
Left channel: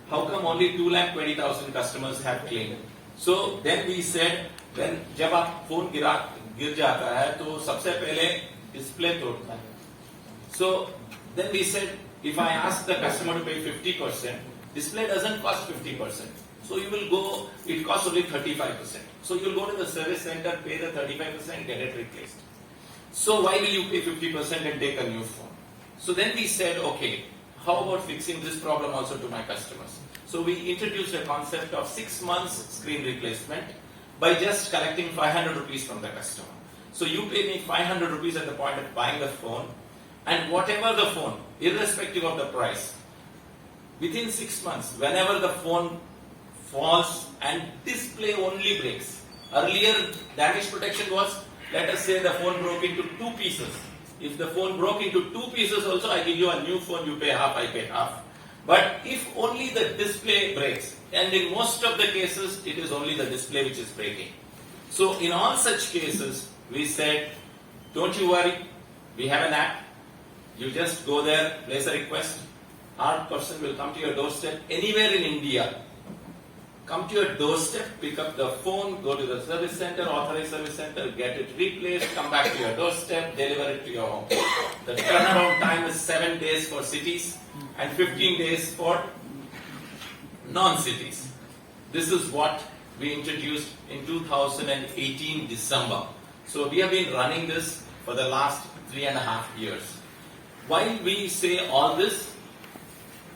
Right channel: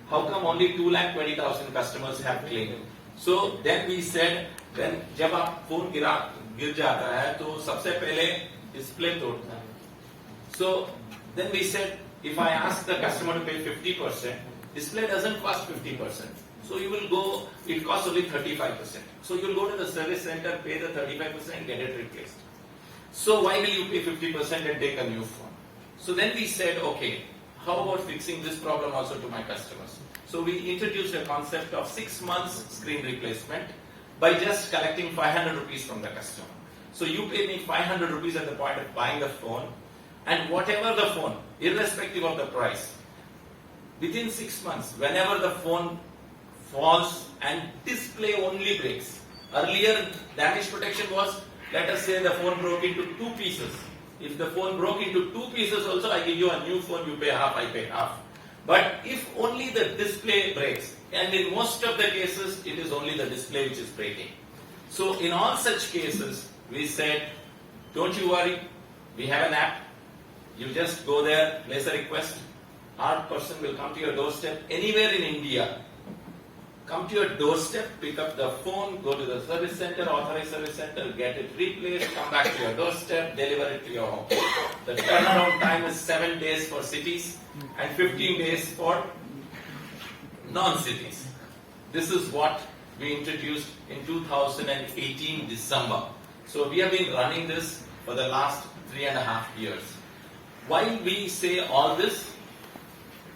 how come only 2,20,000 customers have claimed? So then we said, when जब आप phone गिर जाता है तो सबसे पहले display तोड़ता है. So then we said, if I ask the customer to pay 50%, display doesn't cost 50%. So you will go, it costs only 35%. So you will go to the service center, pay the 35%, get it replaced. So why will you pay 50% and take a new phone? So then we said, okay, how about fixing this problem also to my customers? So we introduced a concept of 6 months screen replacement by just collecting 500 rupees from the customer. So you pay me 500 rupees at the point of buying the phone, and whatever the phone, irrespective of the price, within 6 months, whenever the phone falls and display only breaks. Earlier, damage protection was, let us say the phone broke into 2 pieces. If the phone broke into 2 pieces also, I give you a new phone, you pay half, I pay half. But if only the display breaks, and in most of the cases, it is only the display which is breaking. So in all such cases, we said, don't you worry, we have an app. You just go there, place a request. Our person will come to your doorstep anywhere in India. Come to your doorstep, pick up the phone, go to the service center, authorized service center, get it replaced, come back to your doorstep, deliver it to your home. The turnaround time is 7 days for cities and 15 days for non-cities. This is what we introduced in 2018 December. So we have been running this for the last 3.5 years. Why we say all this?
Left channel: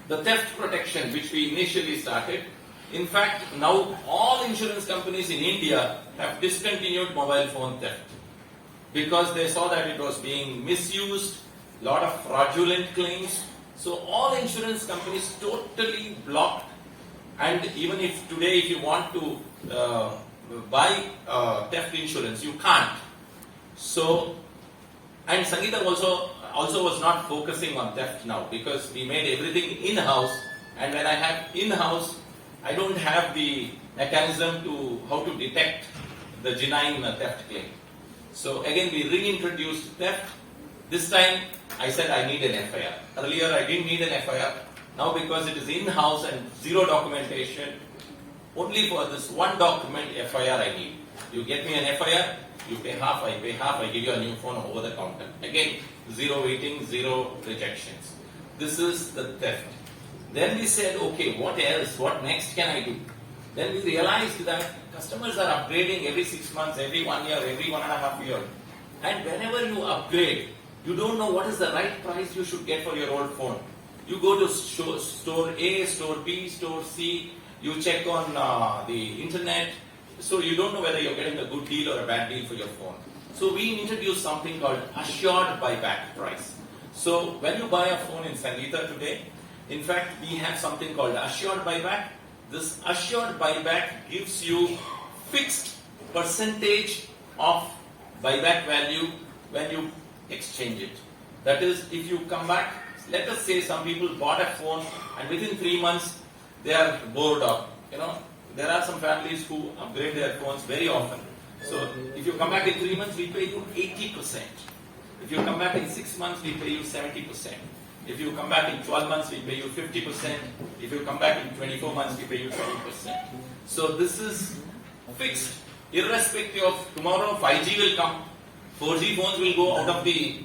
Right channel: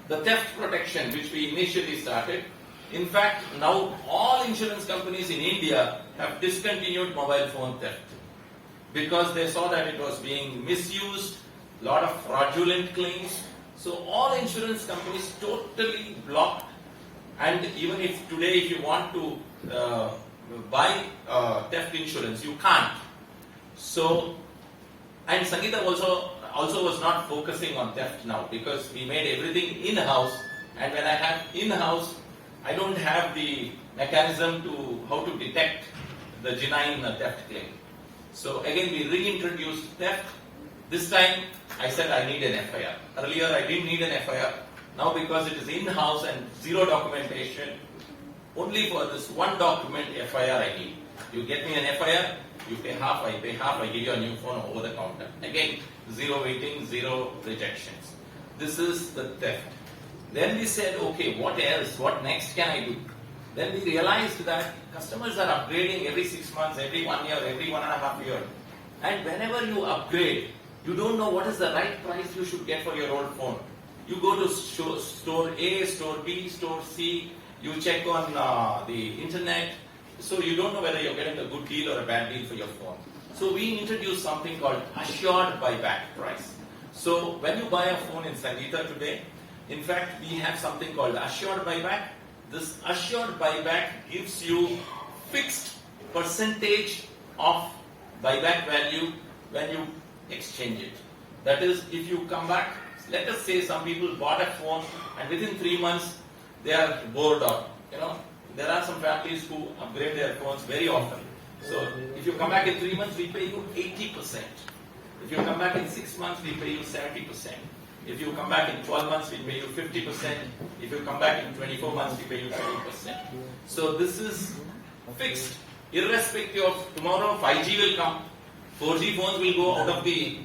The theft protection which we initially started, in fact, now all insurance companies in India have discontinued mobile phone theft because they saw that it was being misused, lot of fraudulent claims. So all insurance companies totally blocked, and even if today if you want to buy theft insurance, you can't. So, and Sangeetha also was not focusing on theft now because we made everything in-house, and when I have in-house, I don't have the mechanism to how to detect the genuine theft claim. So again, we reintroduced theft. This time, I said I need an FIR. Earlier, I didn't need an FIR. Now, because it is in-house and zero documentation, only for this one document FIR I need. You get me an FIR, you pay half, I pay half, I give you a new phone over the counter. Again, zero waiting, zero rejections. This is the theft. Then we said, okay, what else? What next can I do? Then we realized that customers are upgrading every 6 months, every 1 year, every 1.5 years. And whenever you upgrade, you don't know what is the right price you should get for your old phone. You go to store A, store B, store C, you check on the internet, so you don't know whether you're getting a good deal or a bad deal for your phone. So we introduced something called assured buyback price. So when you buy a phone in Sangeetha today, in fact, we have something called assured buyback. This assured buyback gives you fixed percentage of buyback value when you exchange it. That is, if you come back, let us say some people bought a phone and within 3 months they are bored of. There are some families who upgrade their phones very often. So if you come back in 3 months, we pay you 80%. If you come back in 6 months, we pay you 70%. If you come back in 12 months, we pay you 50%. If you come back in 24 months, we pay you 20%. So this is fixed. Irrespective of tomorrow, 5G will come. 4G phones will go out of the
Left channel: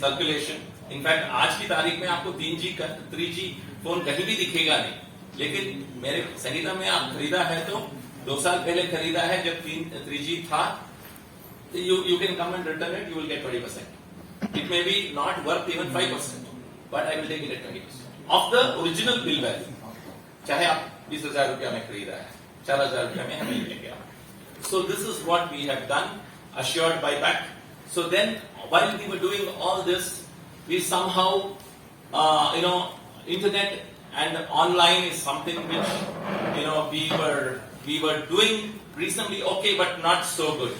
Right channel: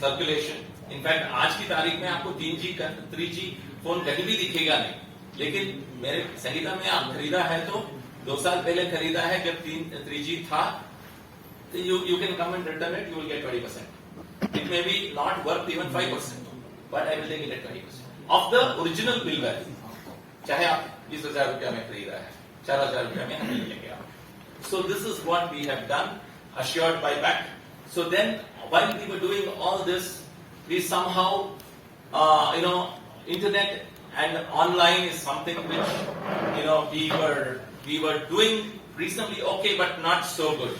circulation. In fact, आज की तारीख में आपको 3G phone कहीं भी दिखेगा नहीं. लेकिन मेरे संगीता में आप खरीदा है तो 2 साल पहले खरीदा है जब 3G था. You can come and return it, you will get 20%. It may be not worth even 5%. But I will take it at 20% of the original bill value. चाहे आप 20,000 रुपया में खरीदा है, 4,000 रुपया में हमें मिलेंगे आप. So this is what we have done, assured buyback. So then, while we were doing all this, we somehow, internet and online is something which we were doing reasonably okay, but not so good.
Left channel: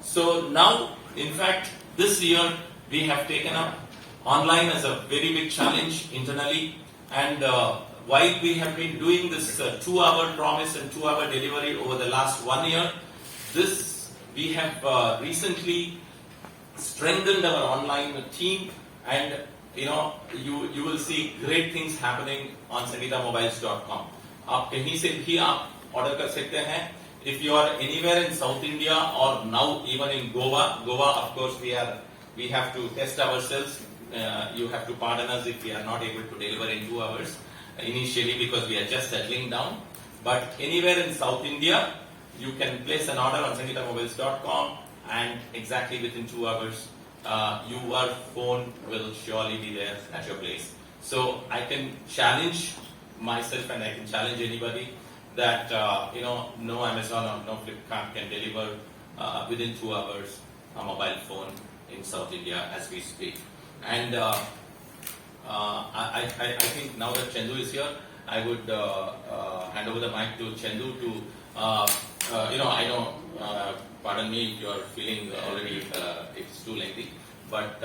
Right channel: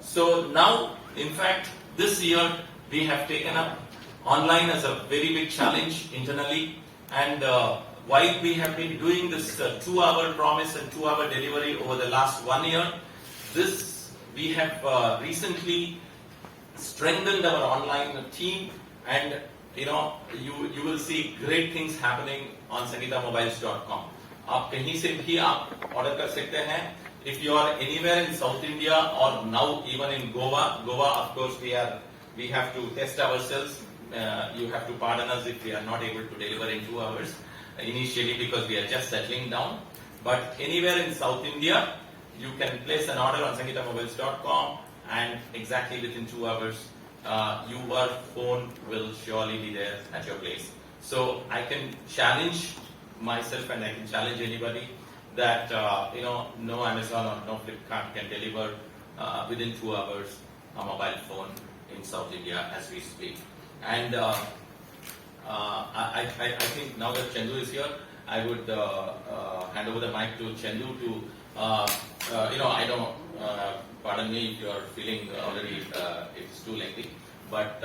So now, in fact, this year we have taken up online as a very big challenge internally, and while we have been doing this 2-hour promise and 2-hour delivery over the last 1 year, this we have recently strengthened our online team, and you will see great things happening on sangeethamobiles.com. आप कहीं से भी आप order कर सकते हैं. If you are anywhere in South India or now even in Goa, of course we have to test ourselves. You have to pardon us if we are not able to deliver in 2 hours initially, because we are just settling down. But anywhere in South India, you can place an order on sangeethamobiles.com, and exactly within 2 hours, your phone will surely be there at your place. So I can challenge myself, and I can challenge anybody that no Amazon or no Flipkart can deliver within 2 hours a mobile phone in South India as we speak. And I think now that Chandu is here, I would hand over the mic to Chandu to I know, pardon me if you are feeling already it's too lengthy, but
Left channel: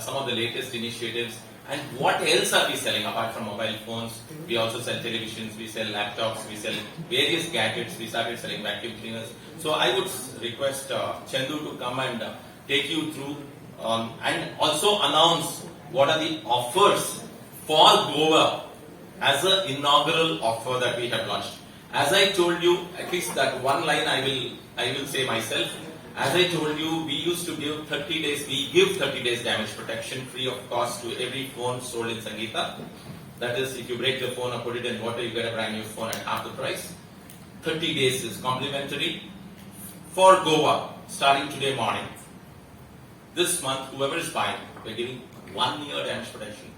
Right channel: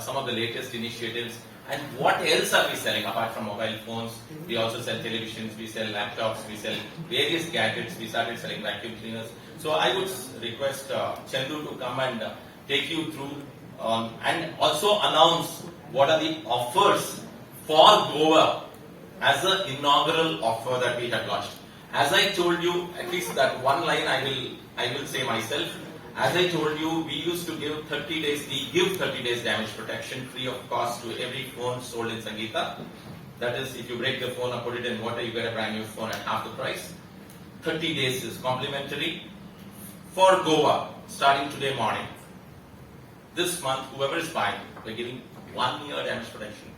some of the latest initiatives. And what else are we selling apart from mobile phones? We also sell televisions, we sell laptops, we sell various gadgets. We started selling vacuum cleaners. So I would request Chandu to come and take you through and also announce what are the offers for Goa as an inaugural offer that we have launched. As I told you, at least that one line I will say myself. As I told you, we used to give 30 days, we give 30 days damage protection free of cost to every phone sold in Sangeetha. That is, if you break the phone or put it in water, you get a brand new phone at half the price. 30 days is complimentary for Goa, starting today morning. This month, whoever is buying, we're giving 1 year damage protection,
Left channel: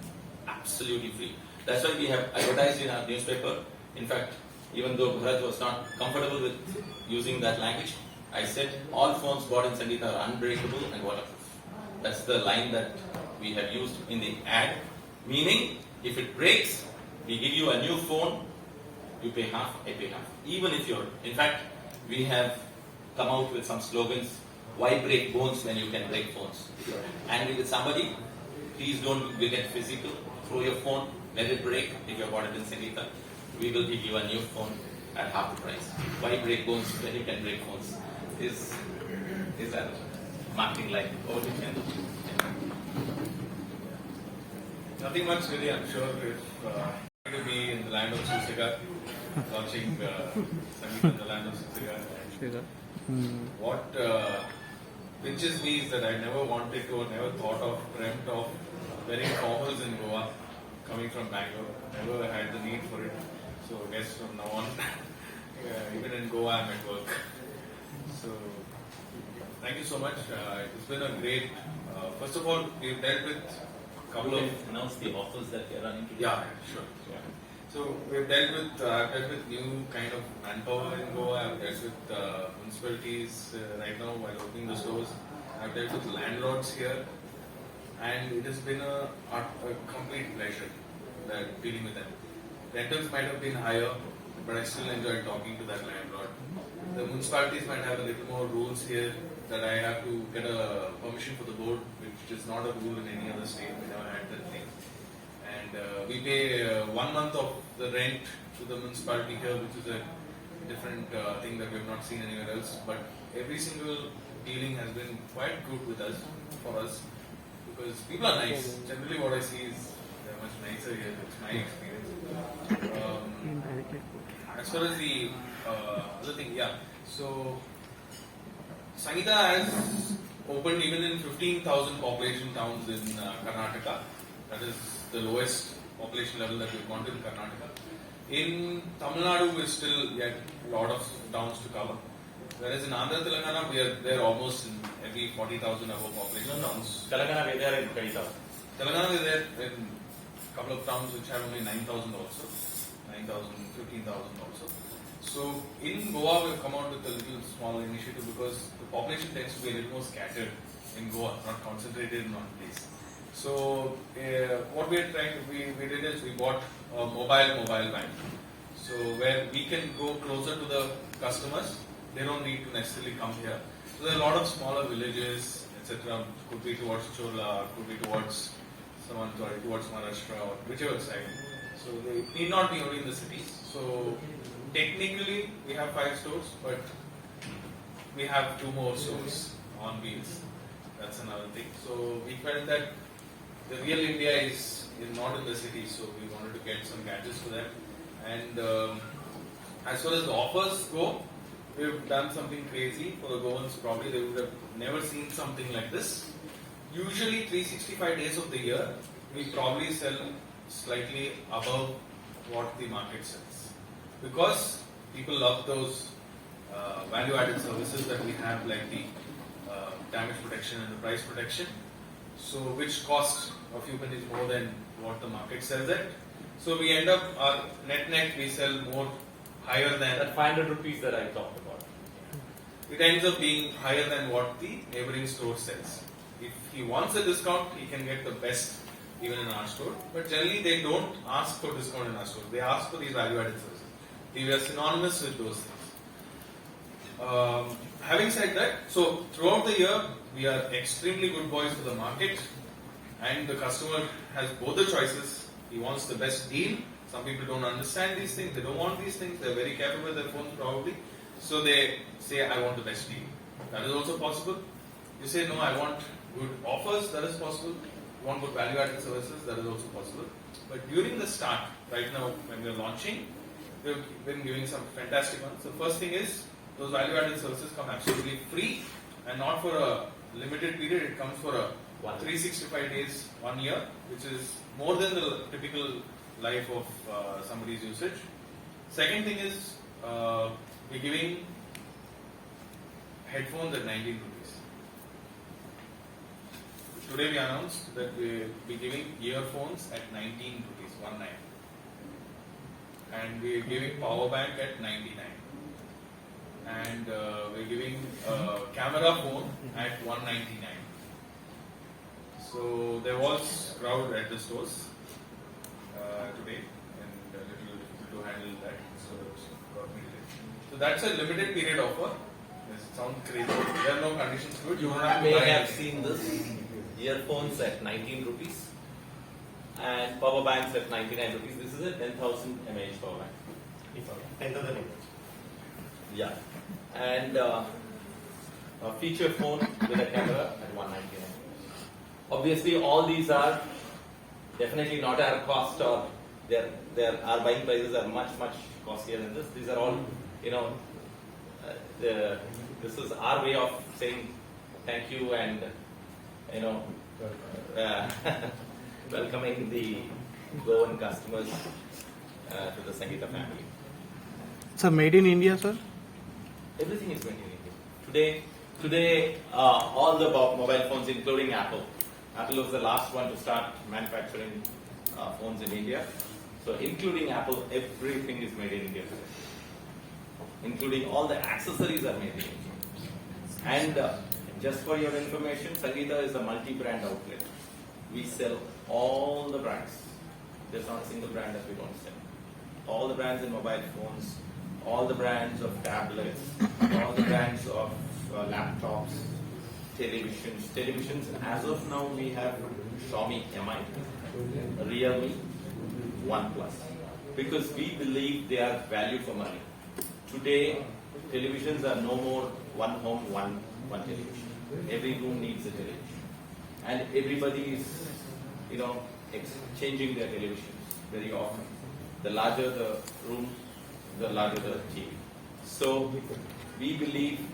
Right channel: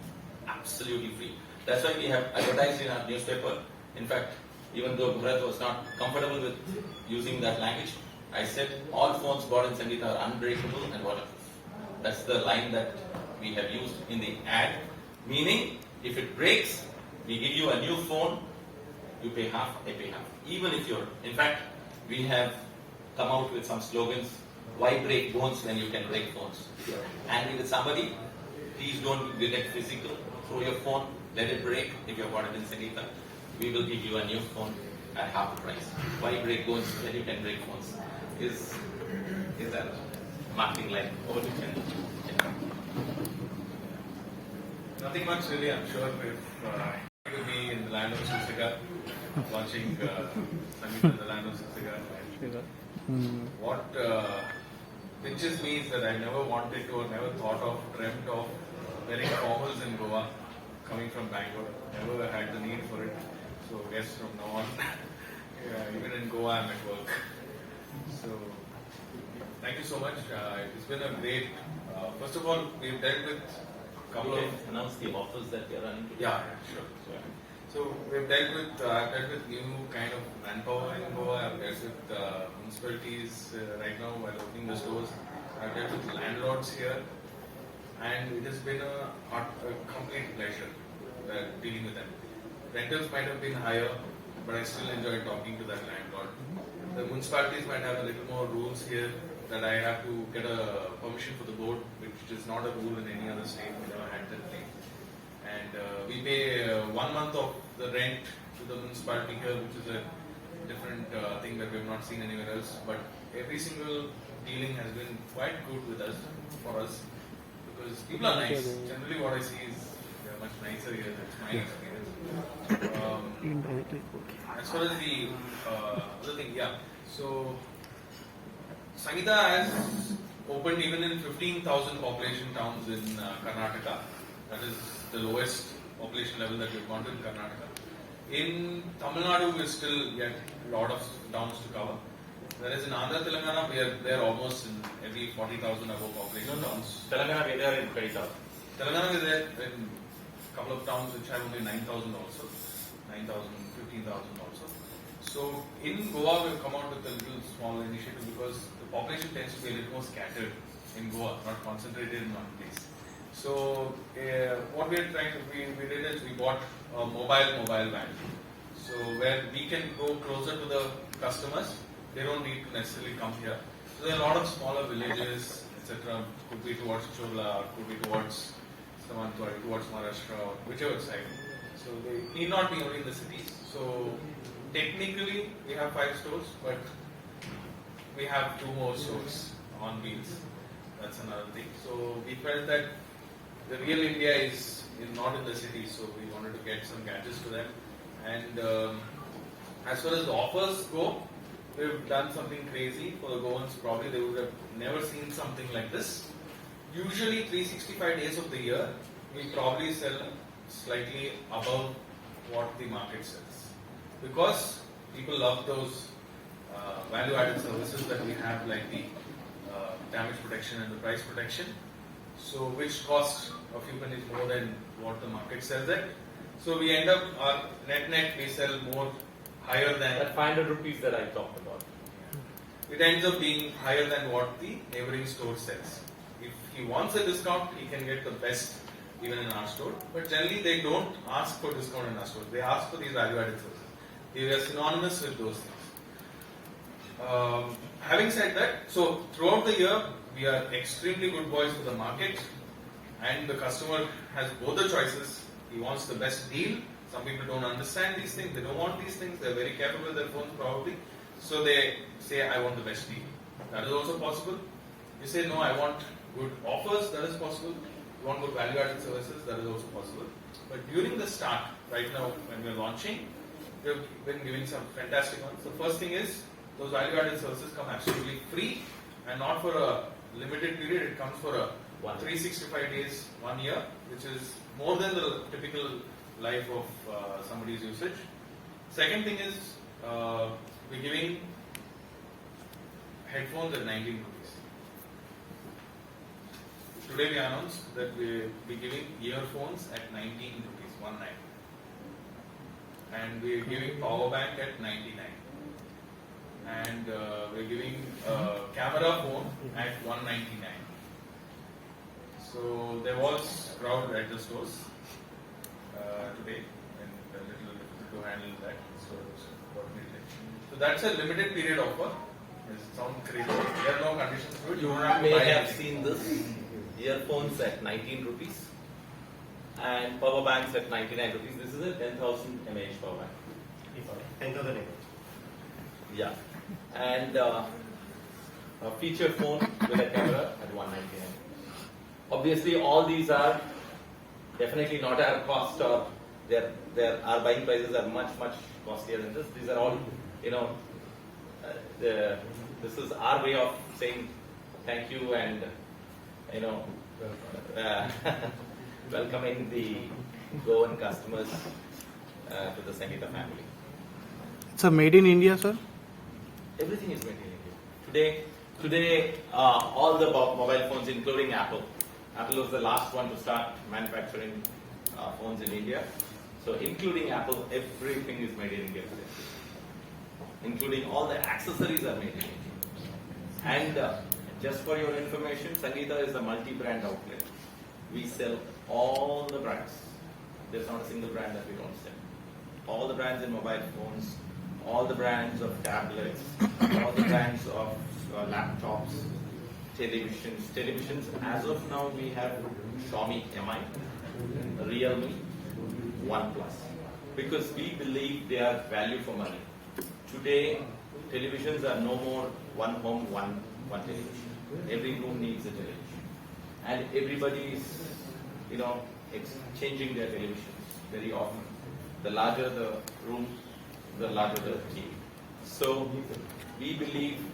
absolutely free. That's why we have advertised in our newspaper. In fact, even though Bharat was not comfortable with using that language, I said all phones bought in Sangeetha are unbreakable and waterproof. That's the line that we have used in the ad. Meaning, if it breaks, we give you a new phone, you pay half, I pay half. Even if you're, in fact, we have come out with some slogans. Why break bones when you can break phones? If you're angry with somebody, please don't get physical. Throw your phone, let it break. If you're bought it in Sangeetha, we will give you a new phone at half the price. Why break bones when you can break phones? Is that marketing line? Over to Chandu. Nothing much really, I'm sure. If to be in the land of Susigar, watching Sangeetha in the land of Susigar. What pinches me is that I never wanted to or never thought of, dreamt of wearing formals in Goa, coming from Bangalore. Never had the need for it. So I guess from now on, even in Goa I'm at work. So thank you so much. It's been a great. First of all, we've dealt with a couple of Announce the offers that we are running today. yeah, sure. Yeah. So we've dealt with I've dealt with new kind of manpower in Goa. I've dealt with municipalities right now while opening the stores. I've dealt with landlords here, and it has been a complete pleasure dealing with them. Rentals might have been higher, but I still enjoy talking to that landlord. The municipalities might have a little more rules here that I have to get a permission for the board, which is not a rule in any other state. We never had that thing. And we pay 1 month of the rent to the municipality here, which is a different thing that we have not seen anywhere else. But every single dealing has been quite good with us, for us, because people are nice. Generally what I see is they are much nicer here. It's my experience. As far as the other thing, yeah. So Sangeetha has opened even in 15,000 population towns in Karnataka. That is the lowest population level that we've gone to in Karnataka. In Tamil Nadu, we're still yet a lot of towns to cover. Whereas in Andhra Telangana, we are there almost in every 40,000 above population towns. Telangana, we are there in 20,000. Telangana is there in a couple of towns which have only 9,000 also. 9,000, 15,000 also. So in Goa, we've come out with a little small initiative because the population tends to be a little more scattered in Goa, not concentrated in one place. So what we are trying to we did is we bought a mobile van. So where we can go closer to the customers, they don't need to necessarily come here. So there are a lot of smaller villages, etc. Could be towards Chola, could be towards towards Maharashtra, or whichever side. So they need not be only in the cities. So technically we have 5 stores, but we have 2 more stores on wheels. That's another thing. So we felt that the real India is not in the city, so we wanted to get some gadgets to them. And as far as the offers go, we've done something crazy for the Goans. Probably they would have never seen something like this. Usually 365 days of the year, we probably sell slightly above what the market sells. Because people love those value-added services that we have, like the damage protection and the price protection. So which cost a few pennies more than what the market sells at. So we end up, our net we sell more higher than That 500 rupees that I talked about. it ends up being higher than what the neighboring store sells. If he wants a discount, he can get the best even in our store. But generally they don't ask for discount in our store. They ask for these value-added services. We are synonymous with those things. Having said that, so throughout the year, we are extremely good boys to the market, and the customer has both the choices. He wants the best deal. Some people don't understand these things. They don't want these things. They're very careful with their phones probably. So they say, I want the best deal. That is also possible. You say, no, I want good offers. That is possible. You want good value-added services. That is also possible. But during the start, right now, when we're launching, we've been giving some fantastic ones. The first thing is, those value-added services come absolutely free and not for a limited period. It comes for a 365 days, 1 year, which is more than the typical life of somebody's usage. Second thing is, we're giving headphones at 19 rupees. Today we announced that we'll be giving earphones at 19 rupees, 19. And we're giving power bank at 99. And we're giving a camera phone at 199. So there was crowd at the stores today, and a little difficult to handle that. So got me delayed. So that's a limited period offer. It sounds crazy. There are no conditions to it. You don't have to may buy have anything. seen this earphones at 19 rupees and power banks at 99 rupees. This is a 10,000 mAh power bank. 10,000 mAh. Yeah. And a feature phone with a camera at 199. Obviously, all these are definitely not our cost, or our buying prices are much costlier than this. These are all, this is our way of saying thank you and welcoming the Goan customers to the Sangeetha family. Sir, made in India, sir? Everything is made in India. Today, all the mobile phones, including Apple. Apple was the last one to start manufacturing phones in India. So, including Apple, everything is made in India today. Including all the accessories are made in India. And just for your information, Sangeetha is a multi-brand outlet. We sell all the brands. There's not a single brand that we don't sell. All the brands in mobile phones, all the brands of tablets, all the brands of laptops, televisions. As of now, we have Xiaomi Mi, Realme, OnePlus, because we believe they are value for money. Today, televisions are no more one home, one television. Every room needs a television, and everybody is, exchanging their televisions very often. The larger the room, the larger the TV. So we believe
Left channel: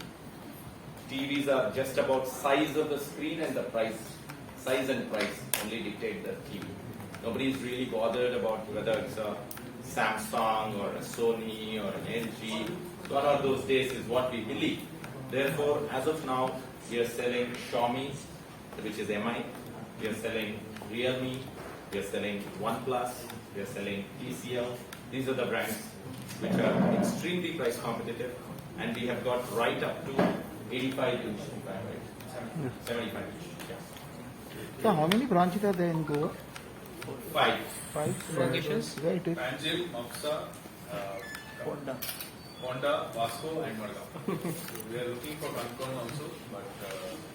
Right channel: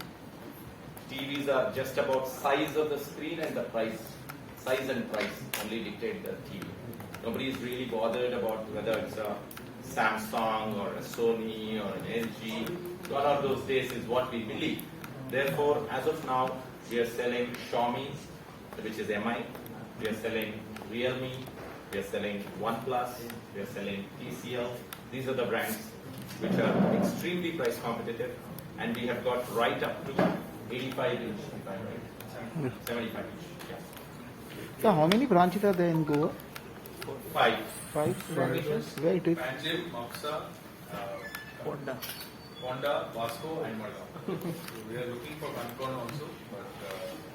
TVs are just about size of the screen and the price. Size and price only dictate the TV. Nobody is really bothered about whether it's a Samsung or a Sony or an LG. Gone are those days is what we believe. Therefore, as of now, we are selling Xiaomi, which is Mi. We are selling Realme. We are selling OnePlus. We are selling TCL. These are the brands which are extremely price competitive, and we have got right up to 85 inch, if I'm right, 75 inch. Yeah. So how many branches are there in Goa? 5. 5 Locations? Where it is? Panjim, Maksa, Ponda. Honda, Vasco, and Margao. So we are looking for Concon also, but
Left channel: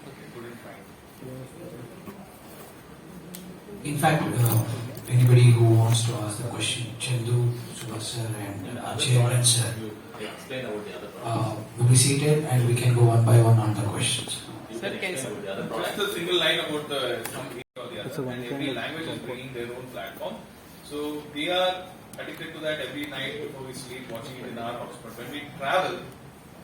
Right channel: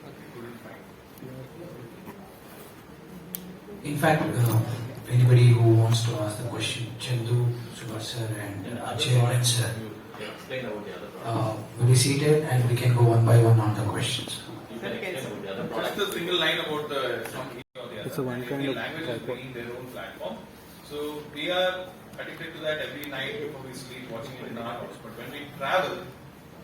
we couldn't find. In fact, anybody who wants to ask the question, Chandu, Subhash sir, and Chairman sir, Explain about the other products. will be seated and we can go one by one on the questions. You can explain about the other Just products. a single line about the company or the It's other. a one And kind every of language is platform. bringing their own platform. So we are addicted to that every night before we sleep, watching it in our house. But when we travel,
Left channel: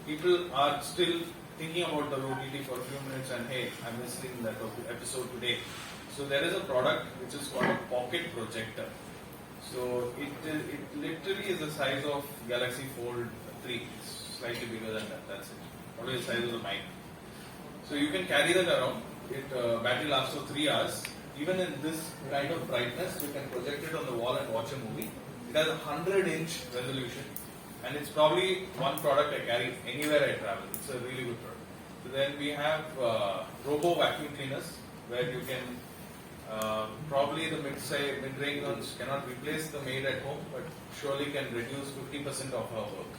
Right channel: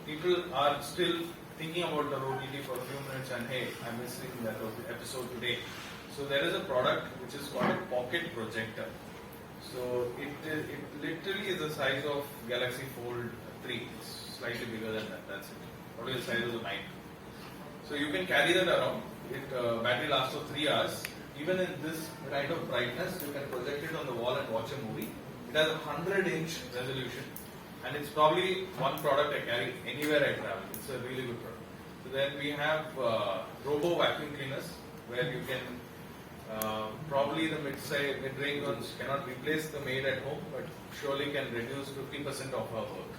people are still thinking about the OTT for a few minutes and hey, I'm missing that episode today. So there is a product which is called a pocket projector. So it literally is the size of Galaxy Fold 3. It's slightly bigger than that. That's it. Probably the size of the mic. So you can carry that around. It battery lasts for 3 hours. Even in this kind of brightness, you can project it on the wall and watch a movie. It has a 100-inch resolution, and it's probably one product I carry anywhere I travel. It's a really good product. So then we have robo vacuum cleaners, where you can probably the mid-range ones cannot replace the maid at home, but surely can reduce 50% of her work.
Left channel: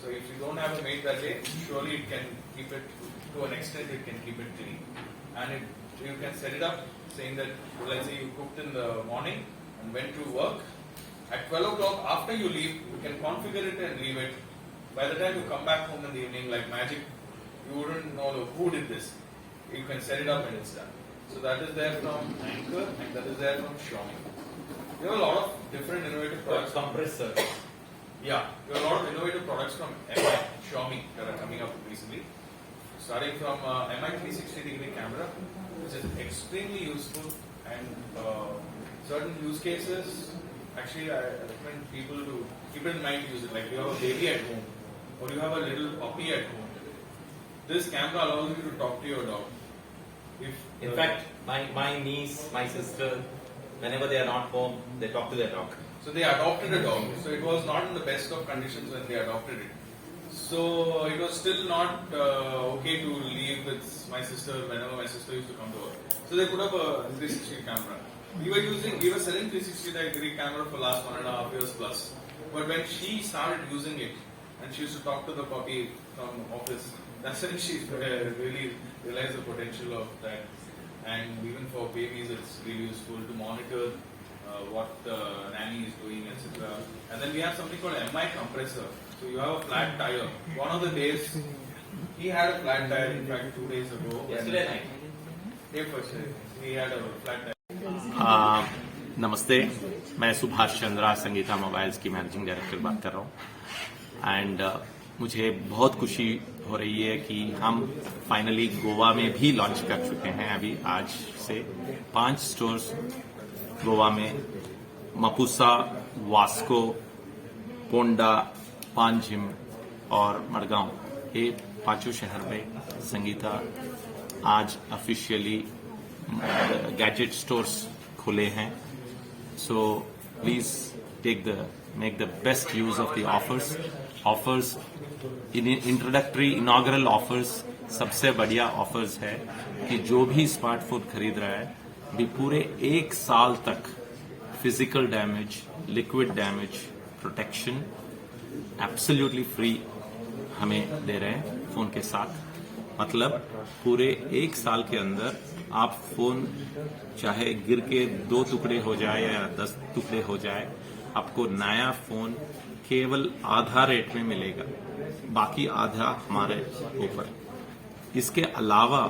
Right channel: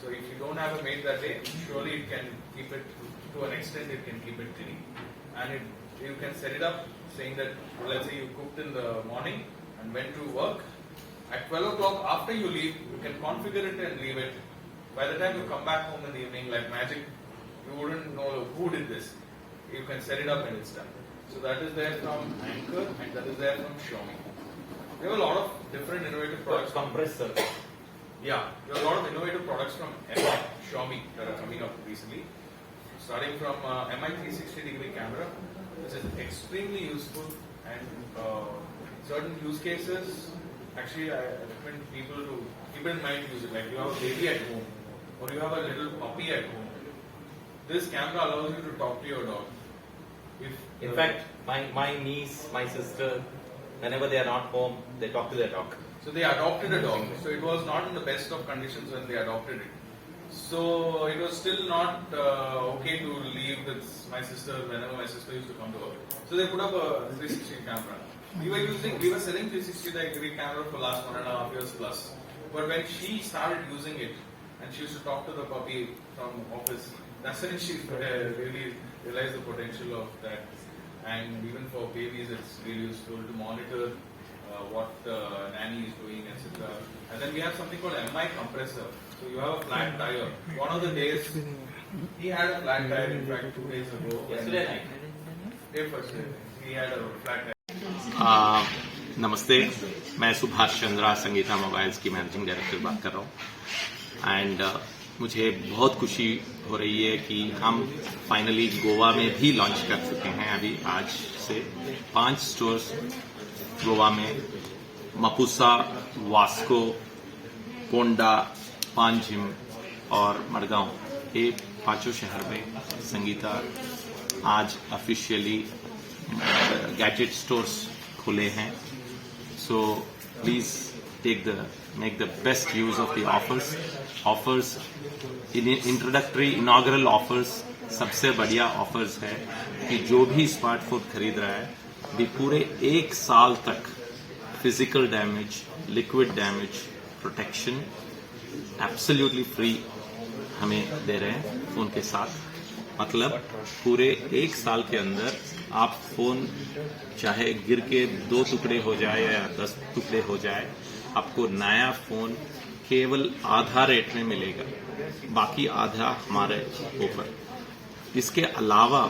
So if you don't have a maid that day, surely it can keep it to an extent. It can keep it clean, and you can set it up saying that, well, let's say you cooked in the morning and went to work. At 12 o'clock after you leave, you can configure it and leave it. By the time you come back home in the evening, like magic, you wouldn't know who did this. You can set it up and it's done. So that is there from Anchor and that is there from Xiaomi. We have a lot of different innovative products. Compressor. Yeah, there are a lot of innovative products from MI, Xiaomi that are coming up recently. Starting from MI 360-degree camera, which is extremely useful and certain use cases. Actually, I recommend people to keep in mind use it. Like you have a baby at home, or you have a little puppy at home. This camera allows you to talk to your dog. In fact, my niece, my sister, whenever they are not home, they talk to their dog. So they adopted a dog. So it was not in the best of conditions when they adopted it. So it was still not okay to leave with my sister whenever my sister used to come to work. So they put up a 360 camera. We were selling 360-degree camera for last 1.5 years plus. But when she started using it and she used to talk to the puppy from office, that's when she really realized the potential of that. And even for babies, it's really useful to monitor what the nanny is doing, etc. And then we have something called MI compressor. So you have a flat tire. One of the days, he had a flat tire, in fact, 2 days ago. Yesterday night. Day first day, he had a flat tire. नमस्ते, मैं Subhash Chandra Sangeeta mobiles की managing director बात कर रहा हूँ and मुझे बहुत खुशी हो रही है कि हम फाइनली गोवा में भी लॉन्च कर चुके हैं। अभी आज से 5 स्टोर्स गोवा में मपुसा, वास्को, पोंडा, पांजिम और मडगांव, ये 5 शहर में संगीता आज ऑफिशियली गैजेट स्टोर्स खुले हैं। So please make the best use of the offers introductory inaugural offers सबसे बढ़िया ऑफर्स है कि जो भी स्मार्टफोन खरीद रहा है भी पूरे 1 साल तक physical damage, liquid damage protection absolutely free हमें दे रहे हैं फोन के साथ। मतलब पूरे 1 साल के अंदर आप फोन चाहे गिर के 2 टुकड़े हो जाए या 10 टुकड़े हो जाए, आपको नया फोन केवल आधा रेट में मिलेगा, बाकी आधा हमारे ऊपर। इसके अलावा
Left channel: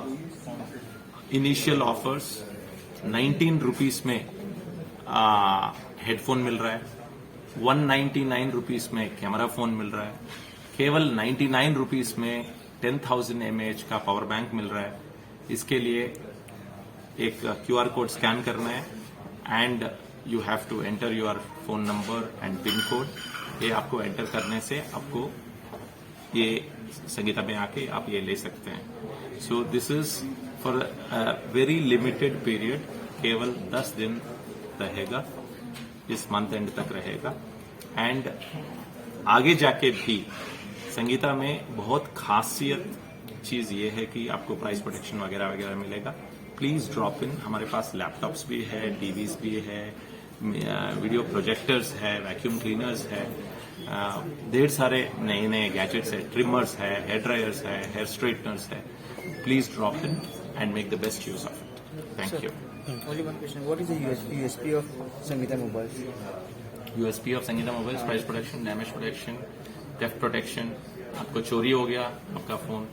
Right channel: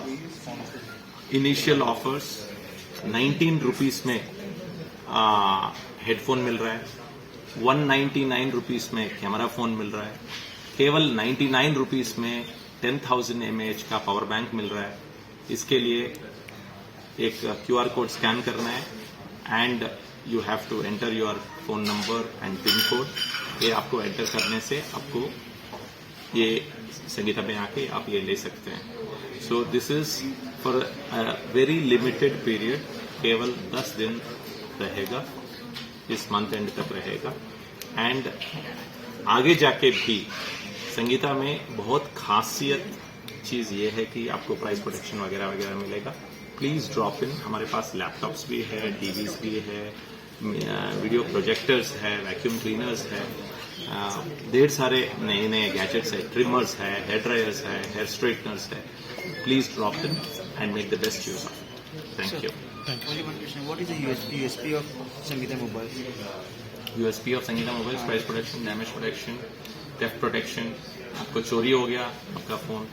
इनिशियल ऑफर्स 19 रुपीस में हेडफोन मिल रहा है, 199 रुपीस में कैमरा फोन मिल रहा है, केवल 99 रुपीस में 10,000 mAh का पावर बैंक मिल रहा है। इसके लिए एक QR कोड स्कैन करना है and you have to enter your phone number and pin code. ये आपको एंटर करने से आपको ये संगीता में आके आप ये ले सकते हैं। So this is for a very limited period, केवल 10 दिन रहेगा, इस मंथ एंड तक रहेगा। एंड आगे जाके भी संगीता में बहुत खासियत चीज ये है कि आपको प्राइस प्रोटेक्शन वगैरह वगैरह मिलेगा। Please drop in. हमारे पास लैपटॉप्स भी है, टीवीज भी है, वीडियो प्रोजेक्टर्स है, वैक्यूम क्लीनर्स है, ढेर सारे नए नए गैजेट्स है, ट्रिमर्स है, हेयर ड्रायर्स है, हेयर स्ट्रेटनर्स है. Please drop in and make the best use of it. Thank you. Only one question. What is the USP of Sangeetha Mobiles? USP of Sangeeta mobiles: price protection, damage protection, theft protection. आपको चोरी हो गया आपका phone,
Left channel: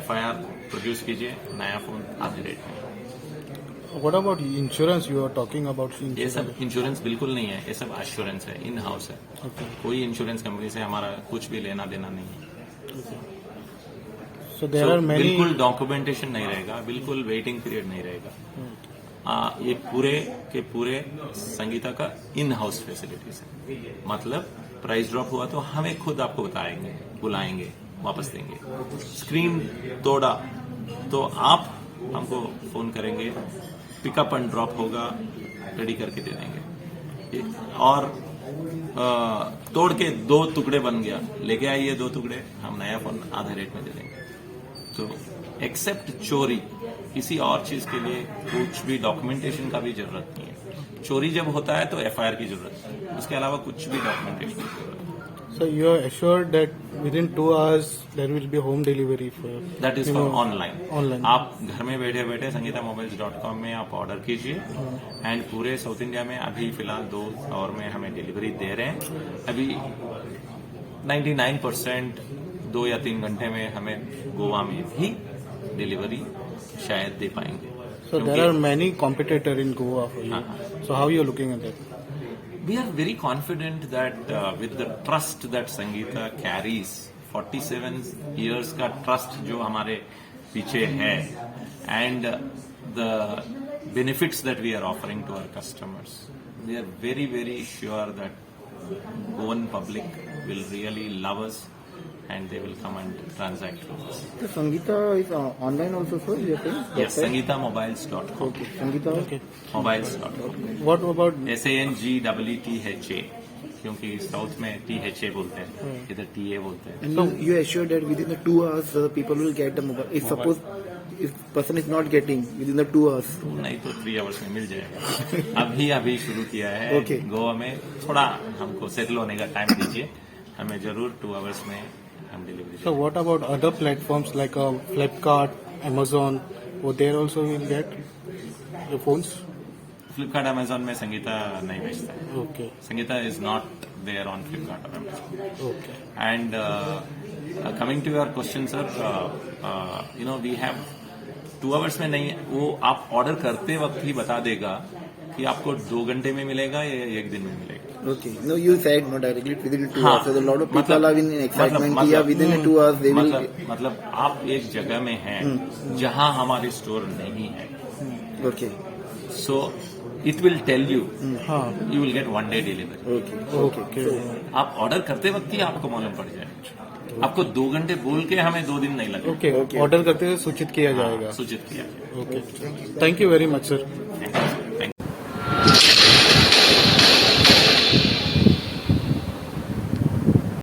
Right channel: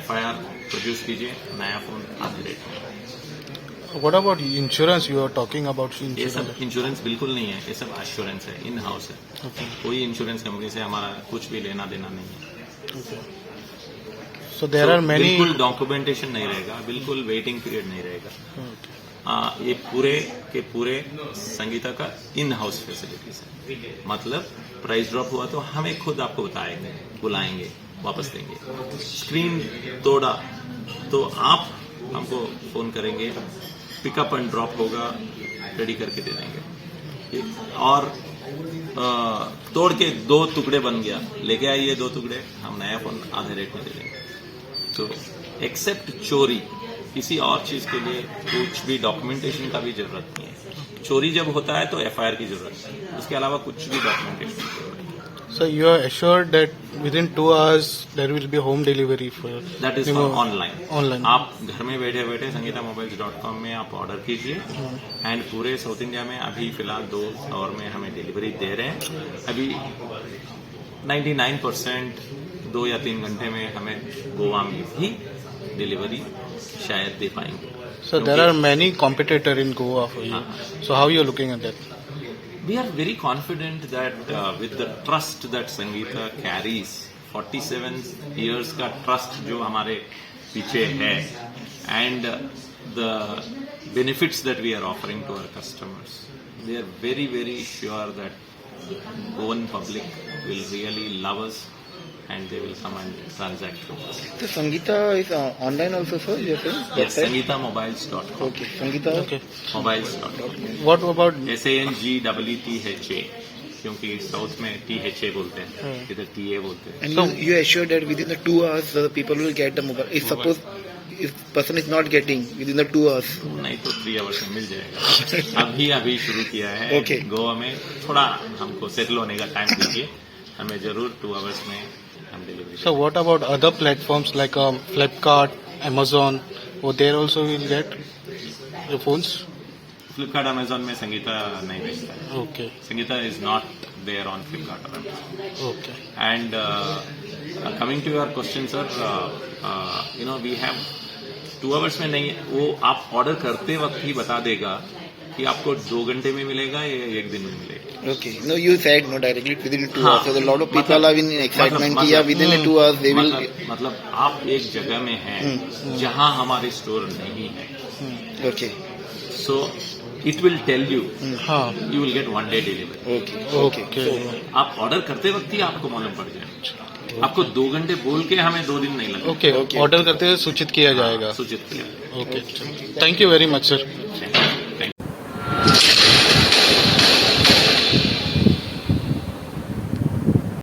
FIR produce कीजिए, नया phone आधे rate में. What about insurance? You are talking about ये insurance. सब इंश्योरेंस बिल्कुल नहीं है, ये सब एश्योरेंस है, इन हाउस है. कोई इंश्योरेंस कंपनी से हमारा कुछ भी लेना देना नहीं है. So there are many. बिल्कुल डॉक्यूमेंटेशन नहीं रहेगा, बिल्कुल वेटिंग पीरियड नहीं रहेगा. ये पूरे के पूरे संगीता का इन हाउस फैसिलिटीज है. मतलब प्राइस ड्रॉप हुआ तो हमें खुद आपको बताएंगे, बुलाएंगे, वापस देंगे. स्क्रीन तोड़ा तो आप हमको फोन करेंगे, पिकअप एंड ड्रॉप होगा, रेडी करके दे देंगे. और तोड़ के 2 टुकड़े बन गया, लेके आइए 2 टुकड़े, हम नया फोन आधे रेट में दे देंगे. तो एक्सेप्ट चोरी, किसी और चीज के लिए कुछ भी डॉक्यूमेंटेशन का भी जरूरत नहीं है. चोरी जब होता है तो एफआईआर की जरूरत है, उसके अलावा कुछ भी डॉक्यूमेंटेशन की जरूरत नहीं. So you are assured that within 2 hours there will be home delivery for. That is for online. Online. आप घर में बैठे बैठे sangeethamobiles.com में आप ऑर्डर कीजिए एंड पूरे साउथ इंडिया में अभी फिलहाल 2 आवर में हमें डिलीवरी दे रहे हैं. अभी 99% 2 या 3 घंटे में हमें गोवा में भी डिलीवरी शायद दे पाएंगे. So there are many competitor in Goa for you. So how you are looking at that? We are very confident that with the trust that Sangeetha carries, 47 years का trust जो हमारे पीछे है, and the benefits that we are offering to our customers, we are very, very sure that Goan public will really love us and they will come and transact with us. So Sangeetha is online also, sir. You are saying? Yes, sangeethamobiles.com. Okay. Sangeetha. Okay. Mobiles.com. What about SANGEETHA, क्योंकि south में THA बोलते हैं, इधर TA बोलते हैं. And you are assured that within the 2 hours the people will get the mobile. If suppose if person is not getting within the 2 hours. नहीं तो 3 hours में मिल जाएगा. अभी शुरू किया है. Okay. गोवा में थोड़ा हमको सेटल होने का टाइम दीजिए, हमें जरूर 2 आवर्स में हम delivery. so what about other platforms like Flipkart, Amazon? Oh, there also will get your phones. Flipkart, Amazon में संगीता नहीं बेचता है. Okay. Sangeetha is not there on Flipkart और Amazon. Okay. And coming to your question sir, you know we have 2 hours में नहीं, वो आप order करते वक्त ही बता देगा कि आपको 2 घंटे में मिलेगा या 1 दिन में मिलेगा. Okay. No, you said no directly within 2 hours. So a lot of people मतलब- are in excitement. कि yeah, within 2 hours they will. मतलब आप एक जगह में हैं जहां हमारी स्टोर नहीं है, Okay. So it will tell you, हाँ. You will get 1 day delivery. Okay. Okay. आप ऑर्डर करते वक्त ही आपको मालूम पड़ जाए. आपको 2 घंटे बोल के हमें 2 दिन नहीं लगे. Okay. Order करते हुए सूचित किया जाएगा. सूचित किया. Okay. Thank you very much, sir.